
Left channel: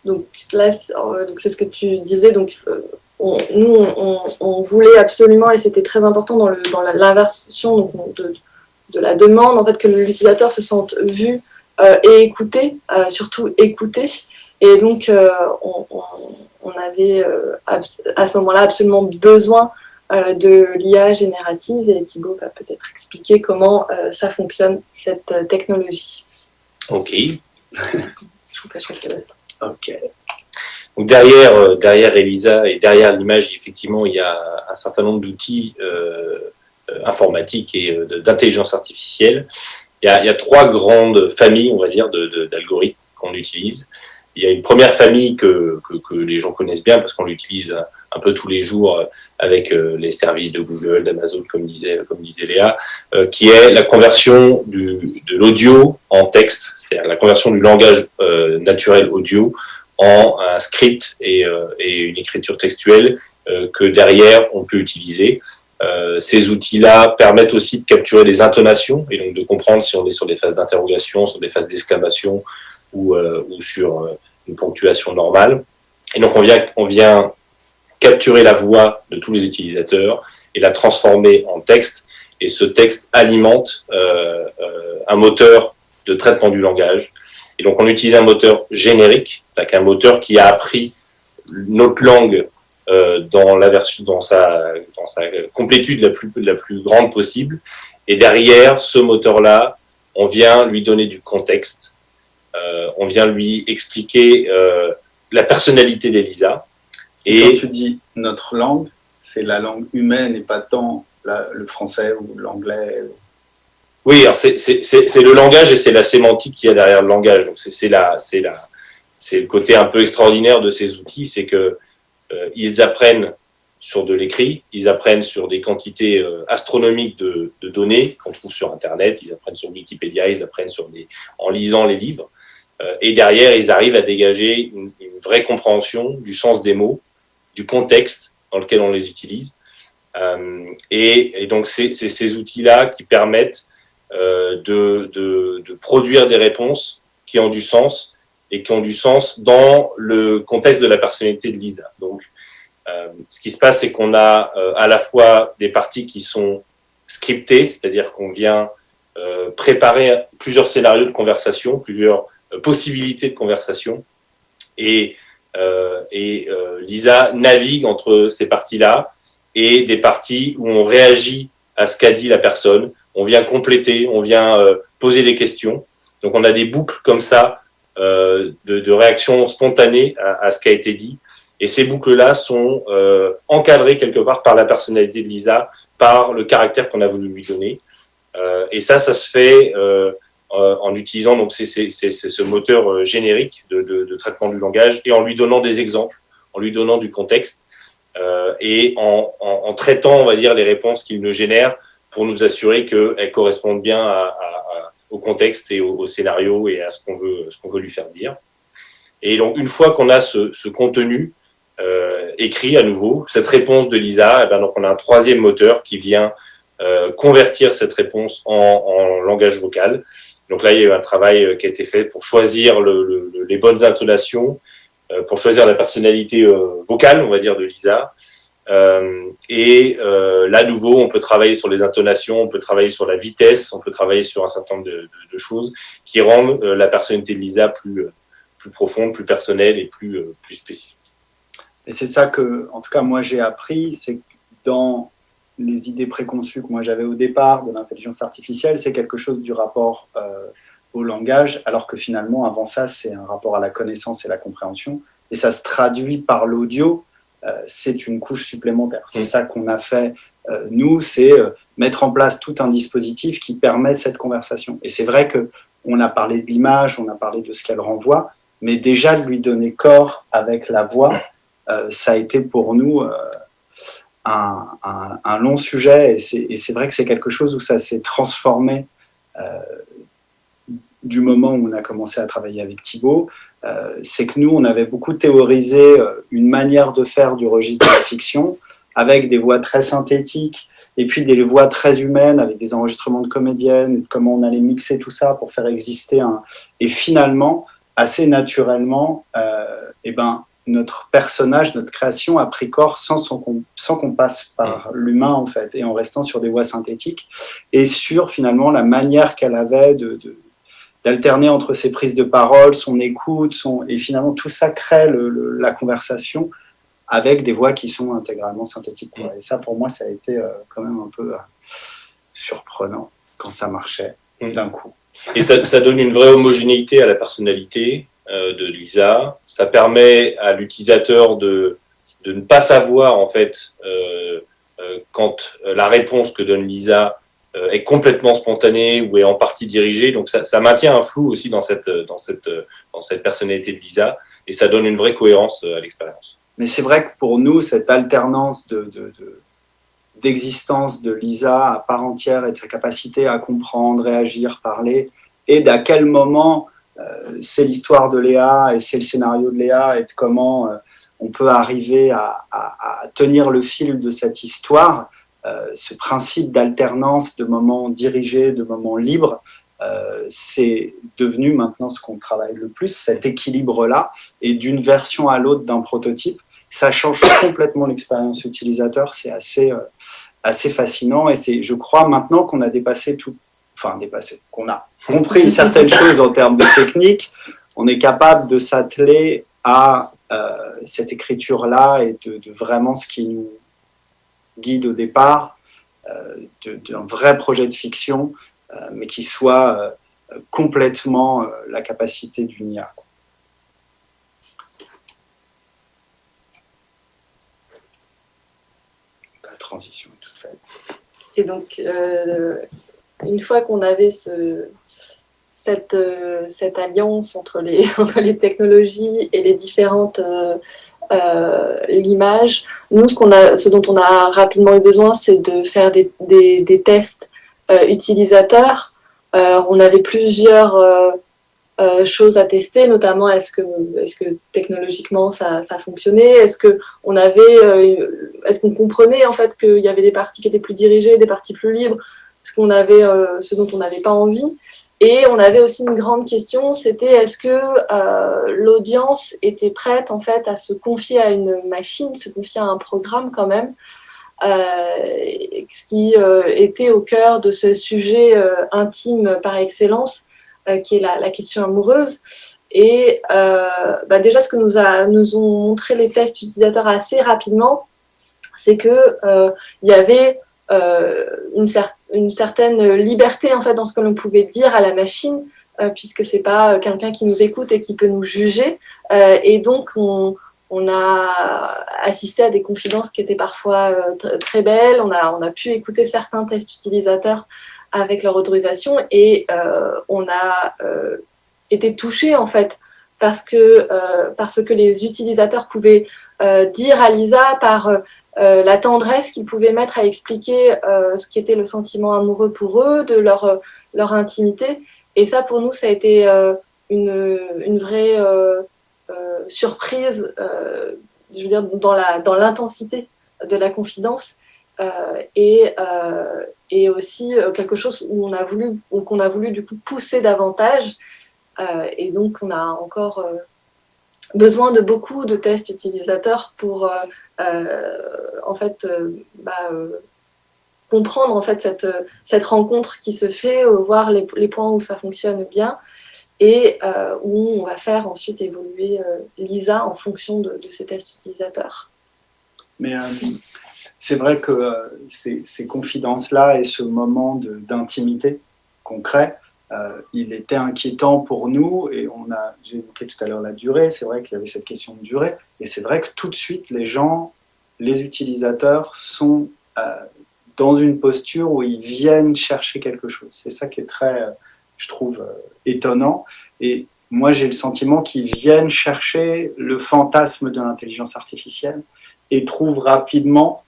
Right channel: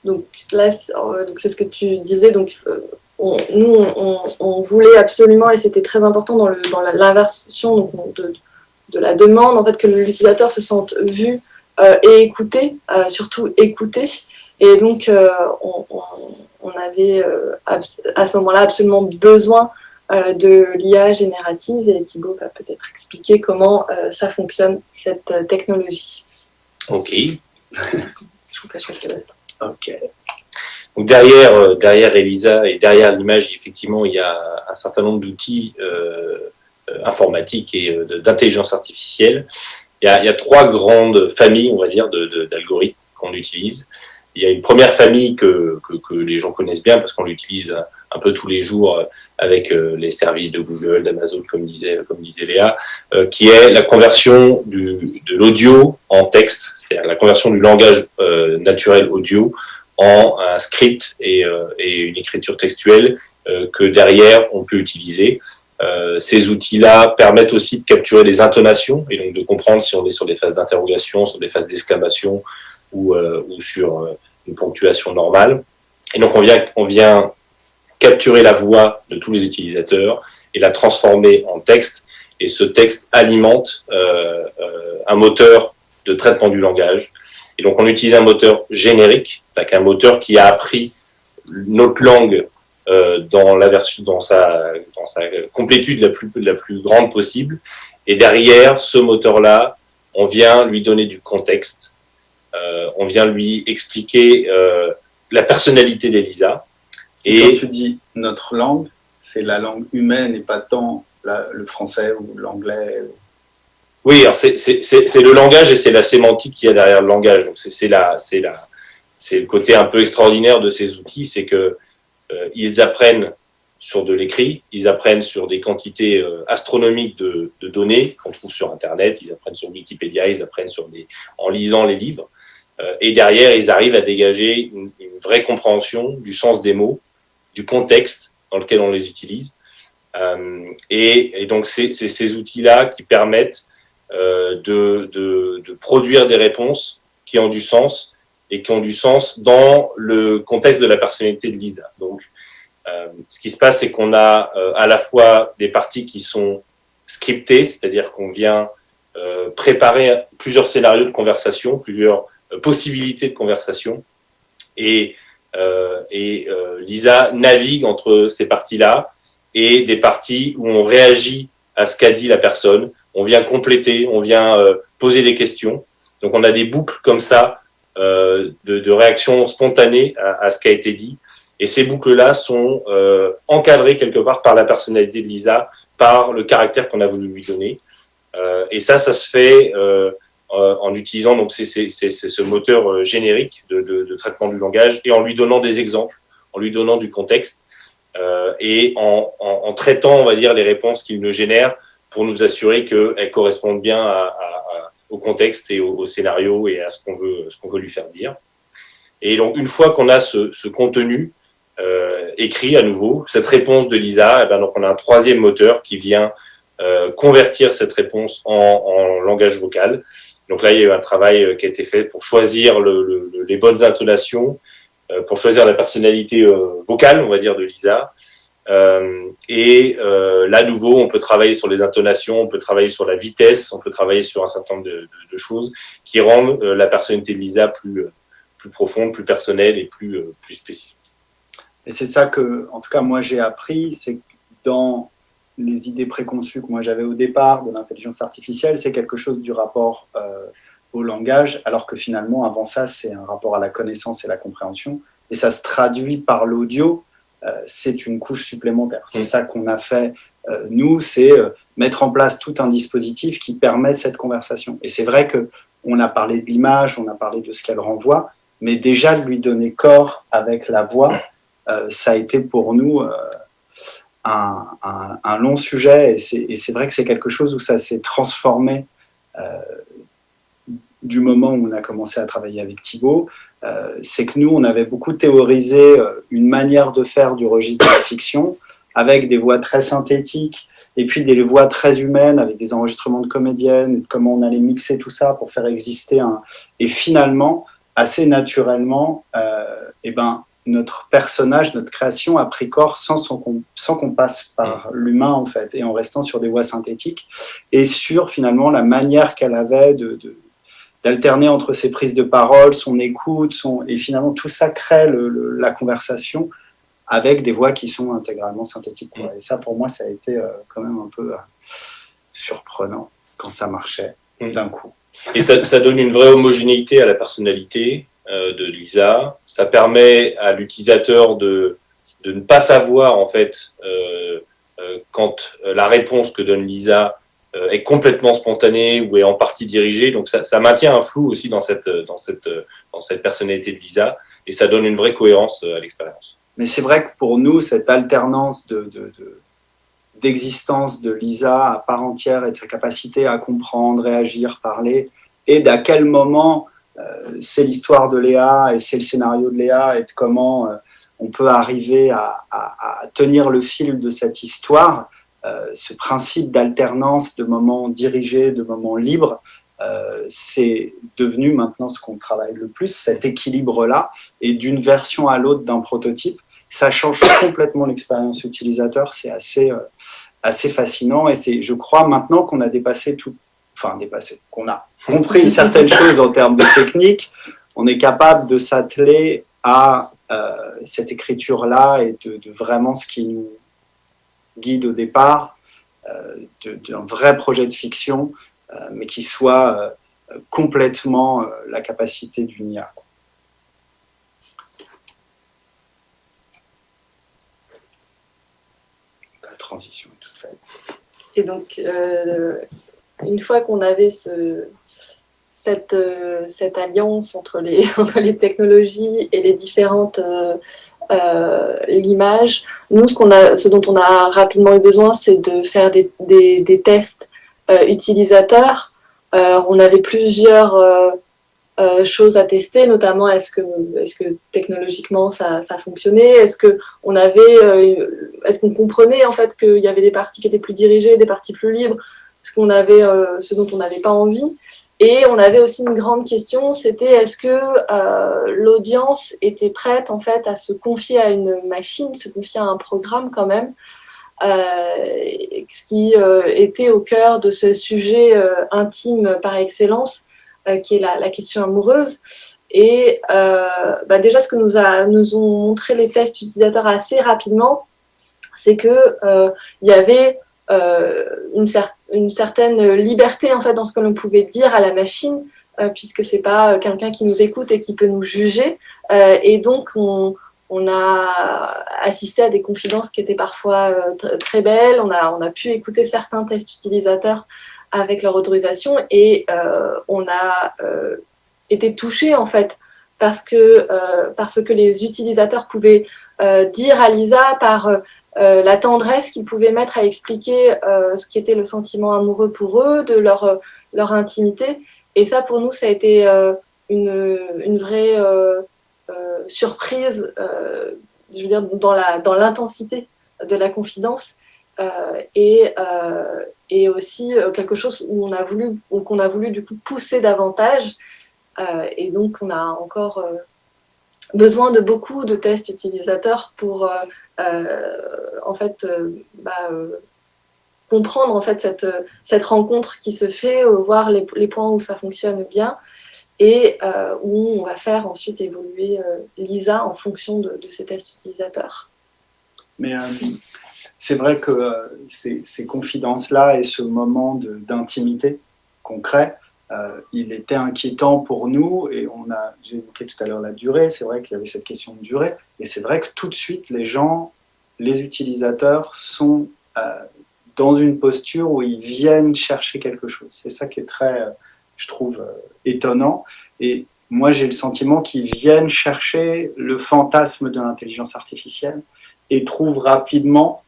Donc là, c'est ce que tu disais. Donc on voulait absolument, et c'était très important dans l'inversion de la demande, en fait, que l'utilisateur se sente vu et écouté, surtout écouté. Et donc on avait à ce moment-là absolument besoin de l'IA générative. Et Thibaut va peut-être expliquer comment ça fonctionne, cette technologie. Ok. Je vous passe ça. Ok. Donc derrière Elisa et derrière l'image, effectivement, il y a un certain nombre d'outils informatiques et d'intelligence artificielle. Il y a trois grandes familles, on va dire, d'algorithmes qu'on utilise. Il y a une première famille que les gens connaissent bien parce qu'on l'utilise un peu tous les jours avec les services de Google, d'Amazon, comme disait Léa, qui est la conversion de l'audio en texte, c'est-à-dire la conversion du langage naturel audio en un script et une écriture textuelle que derrière on peut utiliser. Ces outils-là permettent aussi de capturer des intonations et donc de comprendre si on est sur des phases d'interrogation, sur des phases d'exclamation ou sur une ponctuation normale. Et donc on vient capturer la voix de tous les utilisateurs et la transformer en texte. Et ce texte alimente un moteur de traitement du langage. Et donc on utilise un moteur générique, c'est-à-dire un moteur qui a appris notre langue dans sa complétude la plus grande possible. Et derrière ce moteur-là, on vient lui donner du contexte. On vient lui expliquer la personnalité d'Elisa. Et quand tu dis notre langue, c'est la langue humaine et pas tant le français ou l'anglais. Oui, alors c'est le langage et c'est la sémantique qu'il y a derrière le langage. Donc c'est le côté un peu extraordinaire de ces outils, c'est que ils apprennent sur de l'écrit, ils apprennent sur des quantités astronomiques de données qu'on trouve sur Internet, ils apprennent sur Wikipédia, ils apprennent en lisant les livres. Et derrière, ils arrivent à dégager une vraie compréhension du sens des mots, du contexte dans lequel on les utilise. Et donc, c'est ces outils-là qui permettent de produire des réponses qui ont du sens et qui ont du sens dans le contexte de la personnalité de Lisa. Donc, ce qui se passe, c'est qu'on a à la fois des parties qui sont scriptées, c'est-à-dire qu'on vient préparer plusieurs scénarios de conversation, plusieurs possibilités de conversation, et Lisa navigue entre ces parties-là et des parties où on réagit à ce qu'a dit la personne, on vient compléter, on vient poser des questions. Donc on a des boucles comme ça de réactions spontanées à ce qui a été dit. Et ces boucles-là sont encadrées quelque part par la personnalité de Lisa, par le caractère qu'on a voulu lui donner. Et ça se fait en utilisant donc ce moteur générique de traitement du langage et en lui donnant des exemples, en lui donnant du contexte et en traitant, on va dire, les réponses qu'il nous génère pour nous assurer qu'elles correspondent bien au contexte et au scénario et à ce qu'on veut lui faire dire. Et donc, une fois qu'on a ce contenu écrit à nouveau, cette réponse de Lisa, donc on a un troisième moteur qui vient convertir cette réponse en langage vocal. Donc là, il y a eu un travail qui a été fait pour choisir les bonnes intonations, pour choisir la personnalité vocale, on va dire, de Lisa. Là, à nouveau, on peut travailler sur les intonations, on peut travailler sur la vitesse, on peut travailler sur un certain nombre de choses qui rendent la personnalité de Lisa plus profonde, plus personnelle et plus spécifique. Et c'est ça que, en tout cas, moi, j'ai appris, c'est que dans les idées préconçues que moi j'avais au départ de l'intelligence artificielle, c'est quelque chose du rapport au langage, alors que finalement, avant ça, c'est un rapport à la connaissance et la compréhension. Et ça se traduit par l'audio, c'est une couche supplémentaire. C'est ça qu'on a fait, nous, c'est mettre en place tout un dispositif qui permet cette conversation. Et c'est vrai qu'on a parlé de l'image, on a parlé de ce qu'elle renvoie, mais déjà de lui donner corps avec la voix, ça a été pour nous un long sujet, et c'est vrai que c'est quelque chose où ça s'est transformé du moment où on a commencé à travailler avec Thibaut. C'est que nous, on avait beaucoup théorisé une manière de faire du registre de la fiction avec des voix très synthétiques et puis des voix très humaines avec des enregistrements de comédiennes, comment on allait mixer tout ça pour faire exister Et finalement, assez naturellement, notre personnage, notre création a pris corps sans qu'on passe par l'humain, en fait, et en restant sur des voix synthétiques et sur finalement la manière qu'elle avait d'alterner entre ses prises de parole, son écoute, et finalement tout ça crée la conversation avec des voix qui sont intégralement synthétiques. Et ça, pour moi, ça a été quand même un peu surprenant quand ça marchait d'un coup. Et ça donne une vraie homogénéité à la personnalité de Lisa. Ça permet à l'utilisateur de ne pas savoir, en fait, quand la réponse que donne Lisa est complètement spontanée ou est en partie dirigée. Donc, ça maintient un flou aussi dans cette personnalité de Lisa, et ça donne une vraie cohérence à l'expérience. Mais c'est vrai que pour nous, cette alternance d'existence de Lisa à part entière et de sa capacité à comprendre, réagir, parler, et d'à quel moment c'est l'histoire de Léa et c'est le scénario de Léa et de comment on peut arriver à tenir le fil de cette histoire, ce principe d'alternance de moments dirigés, de moments libres, c'est devenu maintenant ce qu'on travaille le plus, cet équilibre-là, et d'une version à l'autre d'un prototype, ça change complètement l'expérience utilisateur, c'est assez fascinant, et c'est, je crois, maintenant qu'on a qu'on a compris certaines choses en termes de technique, on est capable de s'atteler à cette écriture-là et de vraiment ce qui nous guide au départ, d'un vrai projet de fiction, mais qui soit complètement la capacité d'une IA. La transition est toute faite. Et donc, une fois qu'on avait cette alliance entre les technologies et les différentes l'image, nous, ce dont on a rapidement eu besoin, c'est de faire des tests utilisateurs. On avait plusieurs choses à tester, notamment est-ce que technologiquement ça fonctionnait, est-ce qu'on comprenait en fait qu'il y avait des parties qui étaient plus dirigées, des parties plus libres, ce dont on n'avait pas envie. Et on avait aussi une grande question, c'était est-ce que l'audience était prête en fait à se confier à une machine, se confier à un programme quand même, ce qui était au cœur de ce sujet intime par excellence, qui est la question amoureuse. Et déjà, ce que nous ont montré les tests utilisateurs assez rapidement, c'est que il y avait une certaine liberté en fait dans ce que l'on pouvait dire à la machine, puisque c'est pas quelqu'un qui nous écoute et qui peut nous juger, et donc on a assisté à des confidences qui étaient parfois très belles. On a pu écouter certains tests utilisateurs avec leur autorisation, et on a été touchés en fait parce que les utilisateurs pouvaient dire à Lisa par la tendresse qu'ils pouvaient mettre à expliquer ce qui était le sentiment amoureux pour eux, de leur intimité. Et ça, pour nous, ça a été une vraie surprise, je veux dire, dans l'intensité de la confidence, et aussi quelque chose qu'on a voulu du coup pousser davantage. Et donc, on a encore besoin de beaucoup de tests utilisateurs pour comprendre en fait cette rencontre qui se fait, voir les points où ça fonctionne bien et où on va faire ensuite évoluer Lisa en fonction de ces tests utilisateurs. Mais c'est vrai que ces confidences-là et ce moment d'intimité qu'on crée, il était inquiétant pour nous et j'ai évoqué tout à l'heure la durée, c'est vrai qu'il y avait cette question de durée et c'est vrai que tout de suite les utilisateurs sont dans une posture où ils viennent chercher quelque chose. C'est ça qui est très, je trouve, étonnant. Et moi, j'ai le sentiment qu'ils viennent chercher le fantasme de l'intelligence artificielle et trouvent rapidement,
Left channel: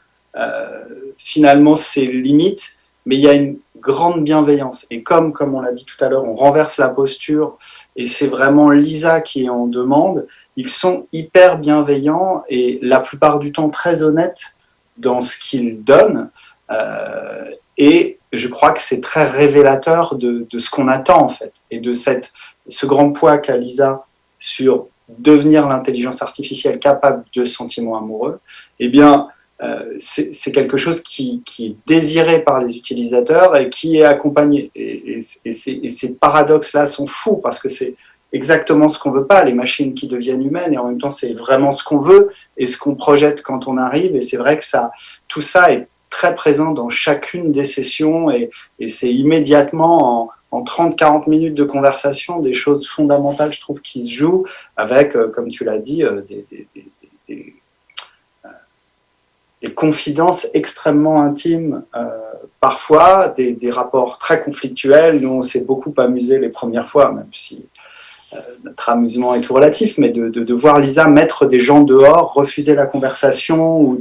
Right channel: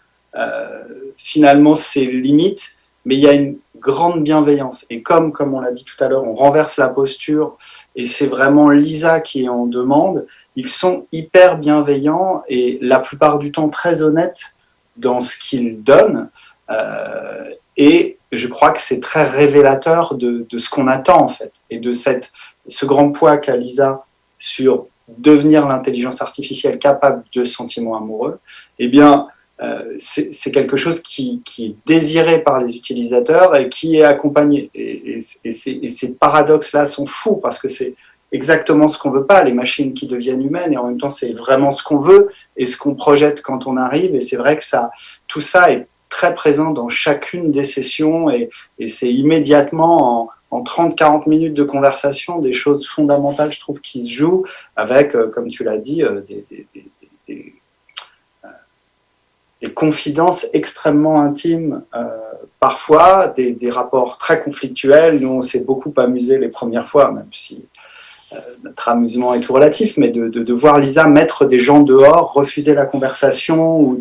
finalement, ses limites. Mais il y a une grande bienveillance. Et comme on l'a dit tout à l'heure, on renverse la posture et c'est vraiment Lisa qui est en demande, ils sont hyper bienveillants et la plupart du temps très honnêtes dans ce qu'ils donnent. Et je crois que c'est très révélateur de ce qu'on attend en fait et de ce grand poids qu'a Lisa sur devenir l'intelligence artificielle capable de sentiments amoureux. Eh bien, c'est quelque chose qui est désiré par les utilisateurs et qui est accompagné. Et ces paradoxes-là sont fous parce que c'est exactement ce qu'on veut pas, les machines qui deviennent humaines, et en même temps c'est vraiment ce qu'on veut et ce qu'on projette quand on arrive. Et c'est vrai que tout ça est très présent dans chacune des sessions et c'est immédiatement en 30-40 minutes de conversation des choses fondamentales, je trouve, qui se jouent avec, comme tu l'as dit, des confidences extrêmement intimes, parfois des rapports très conflictuels. Nous, on s'est beaucoup amusé les premières fois, même si notre amusement est tout relatif, mais de voir Lisa mettre des gens dehors, refuser la conversation ou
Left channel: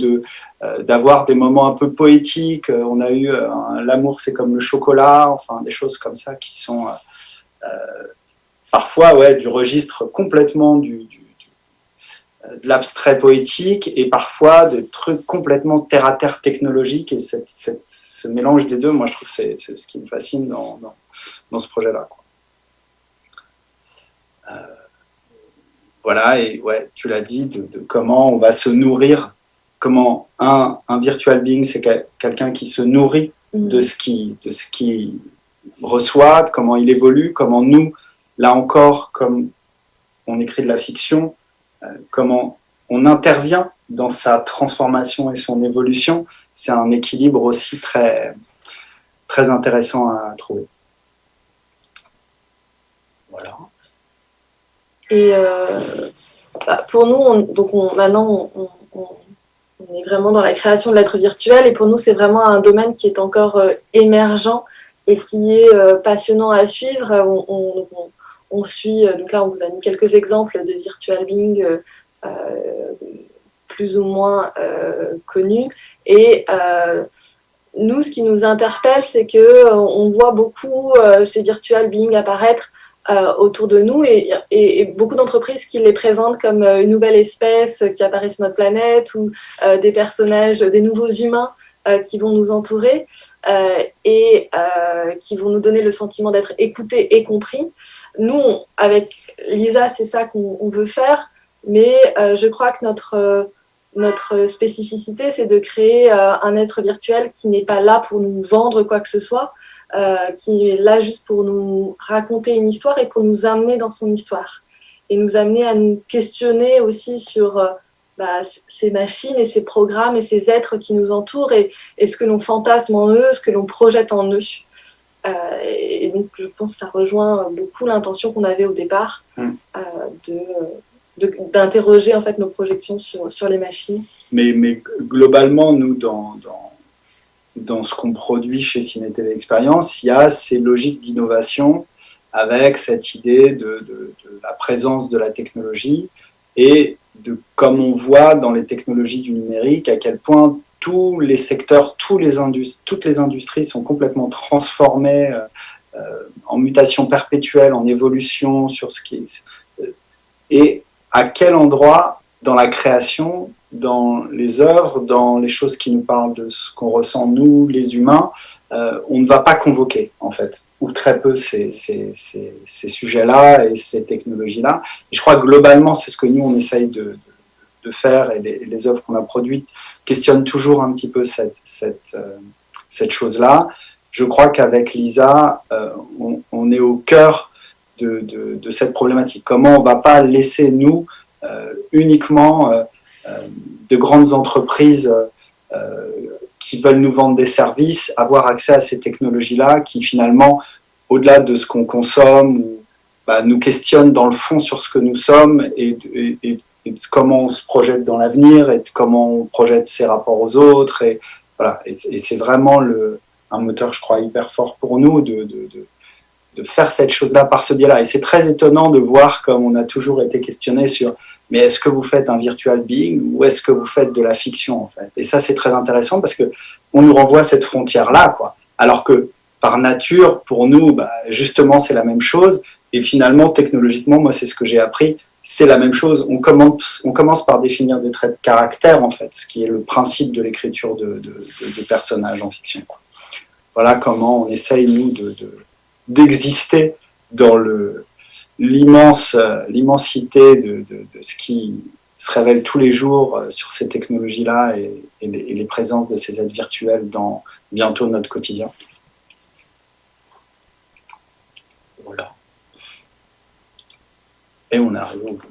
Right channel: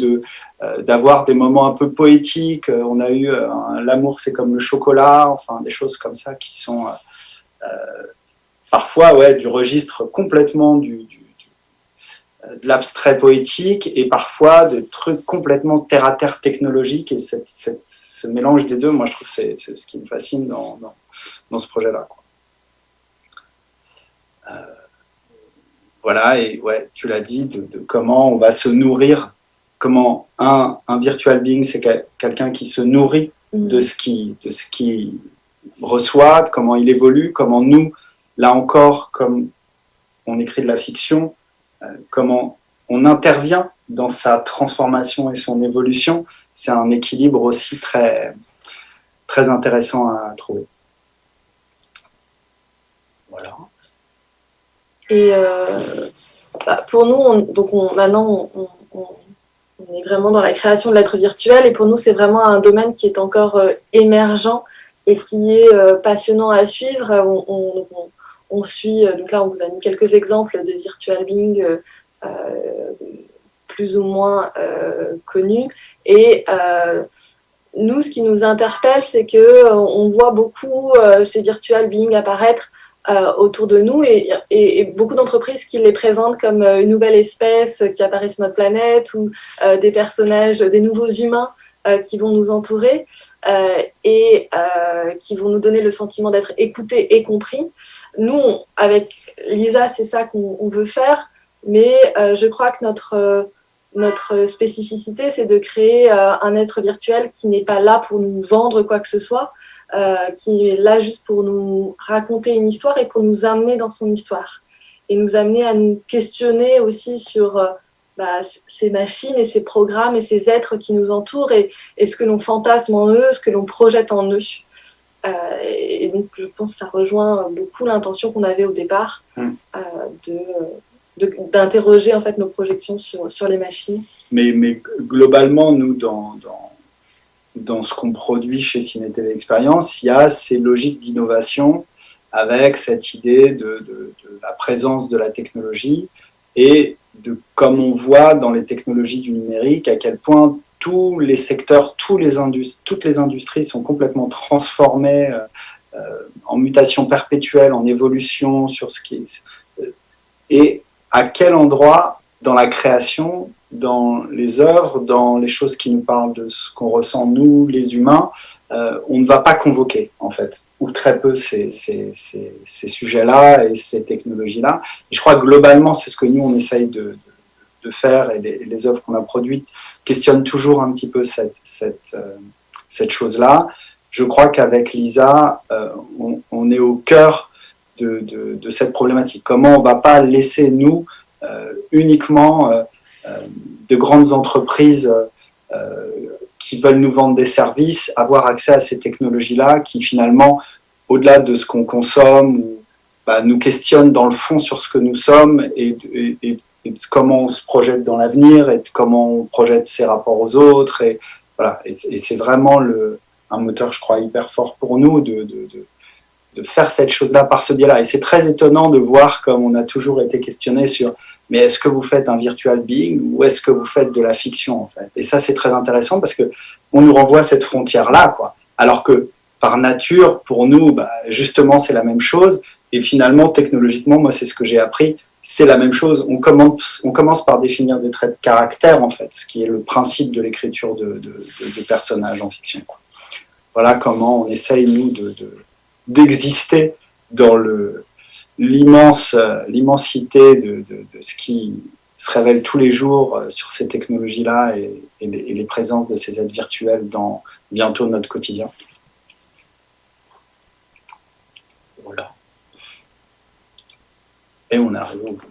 d'avoir des moments un peu poétiques. On a eu l'amour, c'est comme le chocolat, enfin des choses comme ça qui sont parfois du registre complètement de l'abstrait poétique et parfois de trucs complètement terre-à-terre technologiques. Et ce mélange des deux, moi je trouve c'est ce qui me fascine dans ce projet-là. Voilà, et ouais, tu l'as dit, de comment on va se nourrir, comment un virtual being, c'est quelqu'un qui se nourrit de ce qu'il reçoit, comment il évolue, comment nous, là encore, comme on écrit de la fiction, comment on intervient dans sa transformation et son évolution. C'est un équilibre aussi très, très intéressant à trouver. Voilà. Et pour nous, maintenant, on est vraiment dans la création de l'être virtuel. Et pour nous, c'est vraiment un domaine qui est encore émergent et qui est passionnant à suivre. On suit, donc là, on vous a mis quelques exemples de virtual being plus ou moins connus. Et nous, ce qui nous interpelle, c'est qu'on voit beaucoup ces virtual beings apparaître autour de nous et beaucoup d'entreprises qui les présentent comme une nouvelle espèce qui apparaît sur notre planète ou des personnages, des nouveaux humains qui vont nous entourer et qui vont nous donner le sentiment d'être écoutés et compris. Nous, avec Lisa, c'est ça qu'on veut faire, mais je crois que notre spécificité, c'est de créer un être virtuel qui n'est pas là pour nous vendre quoi que ce soit, qui est là juste pour nous raconter une histoire et pour nous amener dans son histoire. Et nous amener à nous questionner aussi sur ces machines et ces programmes et ces êtres qui nous entourent et ce que l'on fantasme en eux, ce que l'on projette en eux. Et donc, je pense que ça rejoint beaucoup l'intention qu'on avait au départ d'interroger en fait nos projections sur les machines. Mais globalement, nous, dans ce qu'on produit chez Ciné TV Expérience, il y a ces logiques d'innovation avec cette idée de la présence de la technologie et comme on voit dans les technologies du numérique, à quel point tous les secteurs, toutes les industries sont complètement transformées en mutation perpétuelle, en évolution sur ce qui est... Et à quel endroit dans la création, dans les œuvres, dans les choses qui nous parlent de ce qu'on ressent nous, les humains, on ne va pas convoquer, en fait, ou très peu ces sujets-là et ces technologies-là. Et je crois que globalement, c'est ce que nous, on essaye de faire, et les œuvres qu'on a produites questionnent toujours un petit peu cette chose-là. Je crois qu'avec Lisa, on est au cœur de cette problématique. Comment on ne va pas laisser, nous, uniquement de grandes entreprises qui veulent nous vendre des services, avoir accès à ces technologies-là qui finalement, au-delà de ce qu'on consomme, nous questionnent dans le fond sur ce que nous sommes et de comment on se projette dans l'avenir et de comment on projette ses rapports aux autres. Et, voilà. Et c'est vraiment un moteur, je crois, hyper fort pour nous de faire cette chose-là par ce biais-là. Et c'est très étonnant de voir comme on a toujours été questionné sur mais est-ce que vous faites un virtual being ou est-ce que vous faites de la fiction, en fait? Et ça, c'est très intéressant parce qu'on nous renvoie à cette frontière-là, quoi. Alors que, par nature, pour nous, justement, c'est la même chose. Et finalement, technologiquement, moi, c'est ce que j'ai appris, c'est la même chose. On commence par définir des traits de caractère, en fait, ce qui est le principe de l'écriture de personnages en fiction, quoi. Voilà comment on essaye, nous, d'exister dans l'immensité de ce qui se révèle tous les jours sur ces technologies-là et les présences de ces êtres virtuels dans bientôt notre quotidien. Voilà. Et on est arrivé au bout.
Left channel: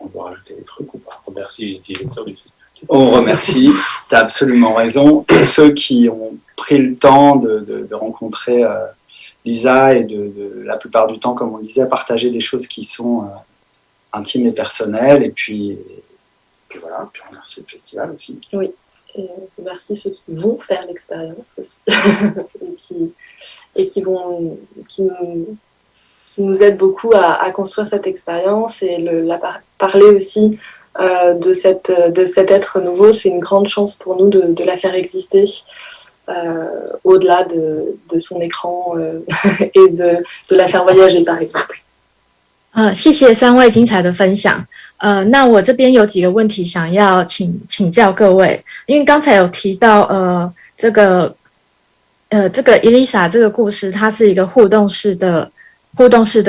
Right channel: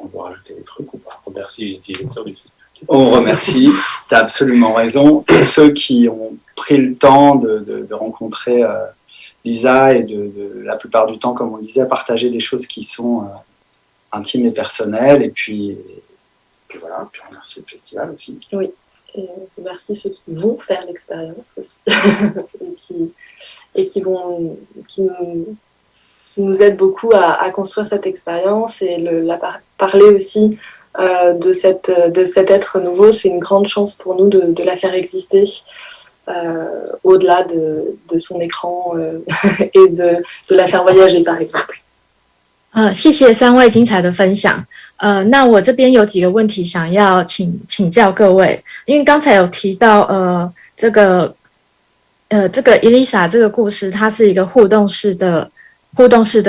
On doit rajouter des trucs ou pas? Merci les utilisateurs du Facebook. On remercie, tu as absolument raison. Tous ceux qui ont pris le temps de rencontrer Lisa et de la plupart du temps, comme on disait, partager des choses qui sont intimes et personnelles. Et puis voilà, puis on remercie le festival aussi. Oui, et merci ceux qui vont faire l'expérience aussi et qui nous aident beaucoup à construire cette expérience et parler aussi de cet être nouveau. C'est une grande chance pour nous de la faire exister au-delà de son écran et de la faire voyager, par exemple. 谢谢3位精彩的分享。那我这边有几个问题想要请教各位，因为刚才有提到这个 Elisa 这个故事，它是一个互动式的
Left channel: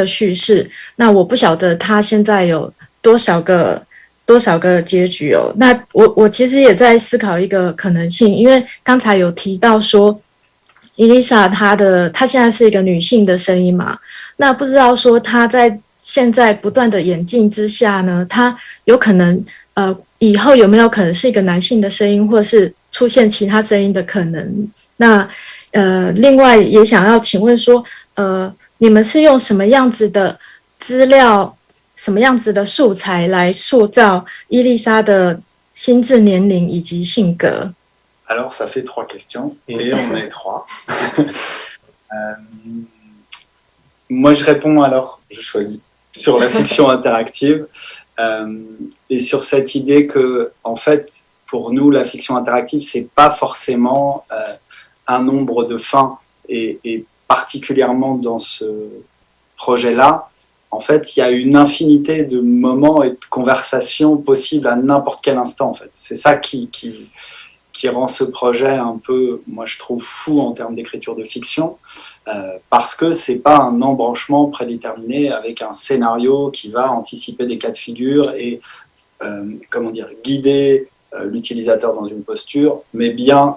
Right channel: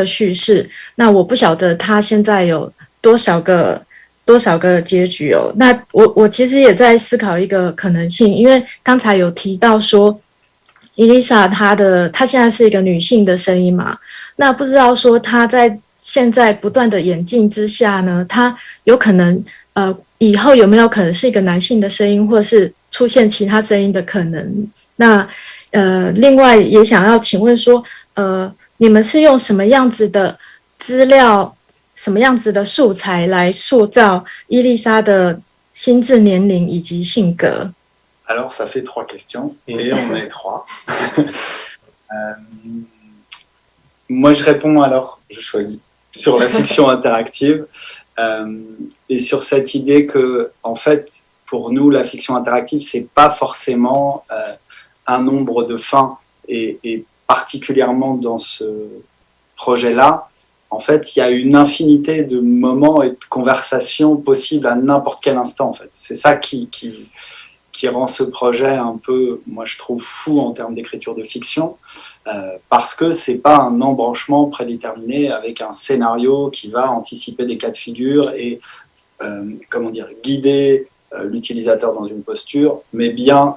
叙事。那我不晓得它现在有多少个结局哦。那我其实也在思考一个可能性，因为刚才有提到说 Elisa 她现在是一个女性的声音嘛，那不知道说她在现在不断的演进之下呢，她有可能以后有没有可能是一个男性的声音，或是出现其他声音的可能？那另外也想要请问说你们是用什么样子的资料，什么样子的素材来塑造伊丽莎的心智年龄以及性格？ Alors, ça fait 3 questions, et on est 3. Moi, je réponds alors, je choisis, sur la fiction interactive, et sur cette idée que, en fait, pour nous, la fiction interactive, c'est pas forcément un nombre de fins, et particulièrement dans ce projet-là, en fait, il y a une infinité de moments et de conversations possibles à n'importe quel instant, en fait. C'est ça qui rend ce projet un peu, moi je trouve, fou en termes d'écriture de fiction, parce que c'est pas un embranchement prédéterminé avec un scénario qui va anticiper des cas de figure et guider l'utilisateur dans une posture, mais bien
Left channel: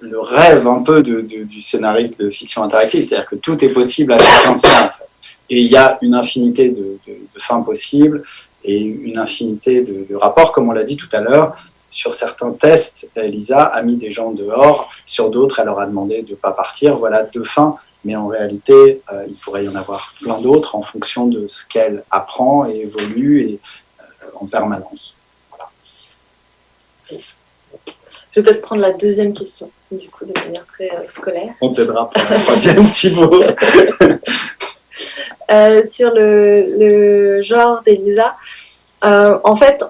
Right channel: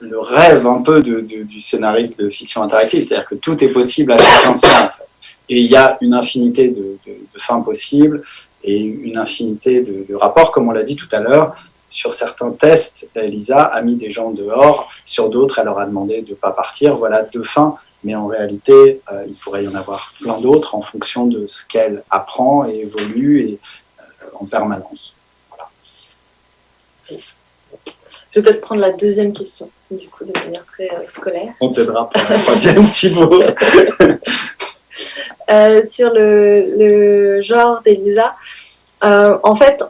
le rêve un peu du scénariste de fiction interactive, c'est-à-dire que tout est possible à chaque instant, en fait. Et il y a une infinité de fins possibles et une infinité de rapports, comme on l'a dit tout à l'heure. Sur certains tests, Lisa a mis des gens dehors, sur d'autres, elle leur a demandé de ne pas partir. Voilà 2 fins, mais en réalité, il pourrait y en avoir plein d'autres en fonction de ce qu'elle apprend et évolue en permanence. Voilà. Je vais peut-être prendre la deuxième question, du coup, de manière très scolaire. On t'aidera pour la troisième, Thibaut. Sur le genre d'Elisa, en fait,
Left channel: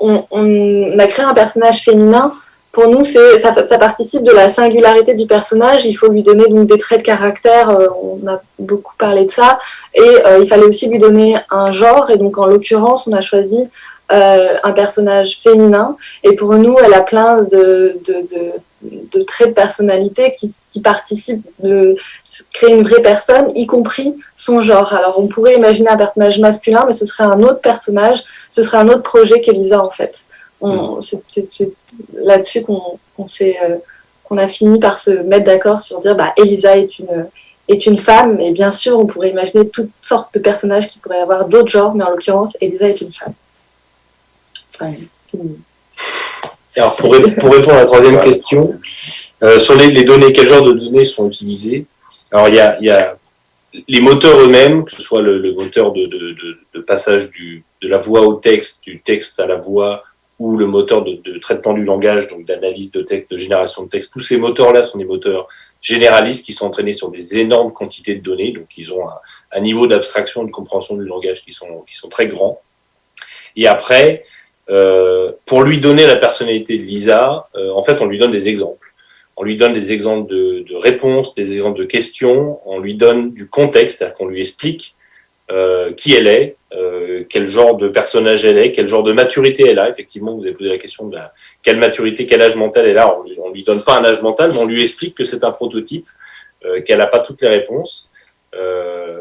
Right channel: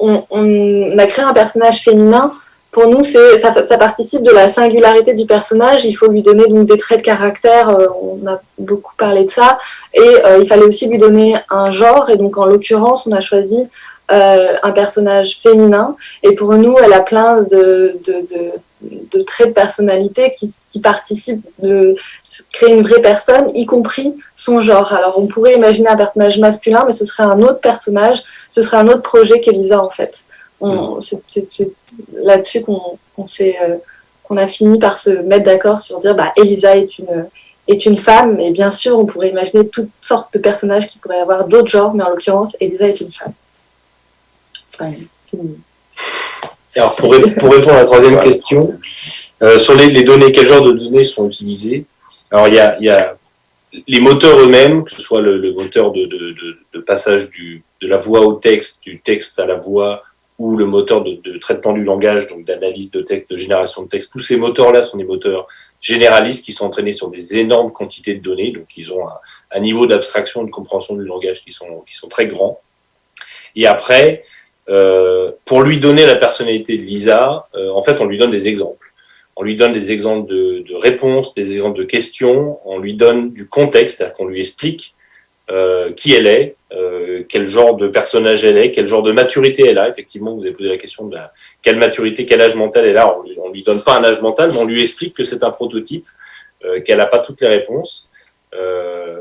on a créé un personnage féminin pour nous, ça participe de la singularité du personnage. Il faut lui donner donc des traits de caractère. On a beaucoup parlé de ça. Et il fallait aussi lui donner un genre. Et donc, en l'occurrence, on a choisi un personnage féminin. Et pour nous, elle a plein de traits de personnalité qui participent de créer une vraie personne, y compris son genre. Alors, on pourrait imaginer un personnage masculin, mais ce serait un autre personnage, ce serait un autre projet qu'Elisa, en fait. C'est là-dessus qu'on a fini par se mettre d'accord sur dire Elisa est une femme, et bien sûr on pourrait imaginer toutes sortes de personnages qui pourraient avoir d'autres genres, mais en l'occurrence Elisa est une femme. Alors pour répondre à la troisième question, sur les données, quel genre de données sont utilisées? Alors il y a les moteurs eux-mêmes, que ce soit le moteur de passage de la voix au texte, du texte à la voix, ou le moteur de traitement du langage, donc d'analyse de texte, de génération de texte. Tous ces moteurs-là sont des moteurs généralistes qui sont entraînés sur des énormes quantités de données, donc ils ont un niveau d'abstraction, de compréhension du langage qui sont très grands. Et après, pour lui donner la personnalité de Lisa, en fait, on lui donne des exemples. On lui donne des exemples de réponses, des exemples de questions, on lui donne du contexte, c'est-à-dire qu'on lui explique qui elle est, quel genre de personnage elle est, quel genre de maturité elle a. Effectivement, vous avez posé la question de quelle maturité, quel âge mental elle a. On lui donne pas un âge mental, mais on lui explique que c'est un prototype, qu'elle n'a pas toutes les réponses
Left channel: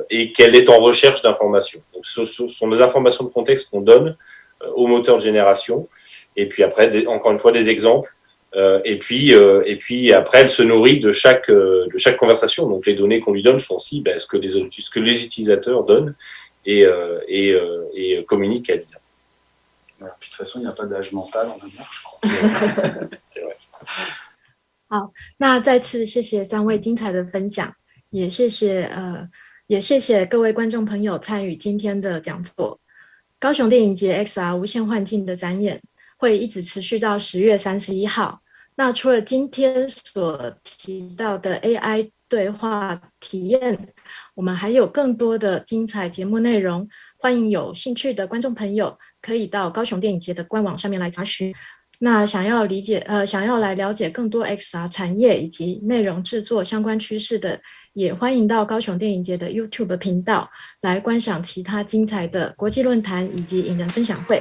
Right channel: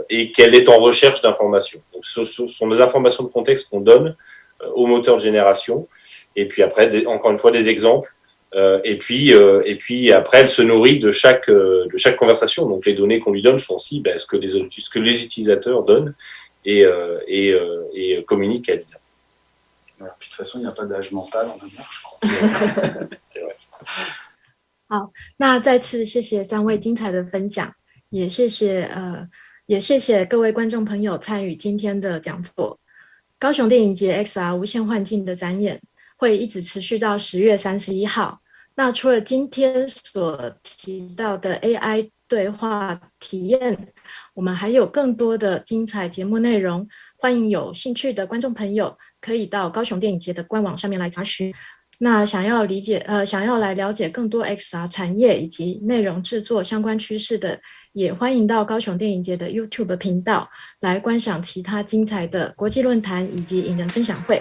et qu'elle est en recherche d'informations. Donc, ce sont des informations de contexte qu'on donne au moteur de génération. Et puis après, encore une fois, des exemples. Et puis après, elle se nourrit de chaque conversation. Donc les données qu'on lui donne sont aussi ce que les utilisateurs donnent et communiquent à Lisa. Voilà, de toute façon, il n'y a pas d'âge mental en amour. C'est vrai. 好，那再次谢谢3位精彩的分享，也谢谢各位观众朋友参与今天的讲座。高雄电影节 XR 无限幻境的展演会一直持续到10月31号。那除了今天所提到的 AI 对话体验，我们还有更多的精彩节目内容，欢迎有兴趣的观众朋友可以到高雄电影节的官网上面来查询。那想要来了解更多 XR 产业以及内容制作相关趋势的，也欢迎到高雄电影节的 YouTube 频道来观赏其他精彩的国际论坛以及影人分享会。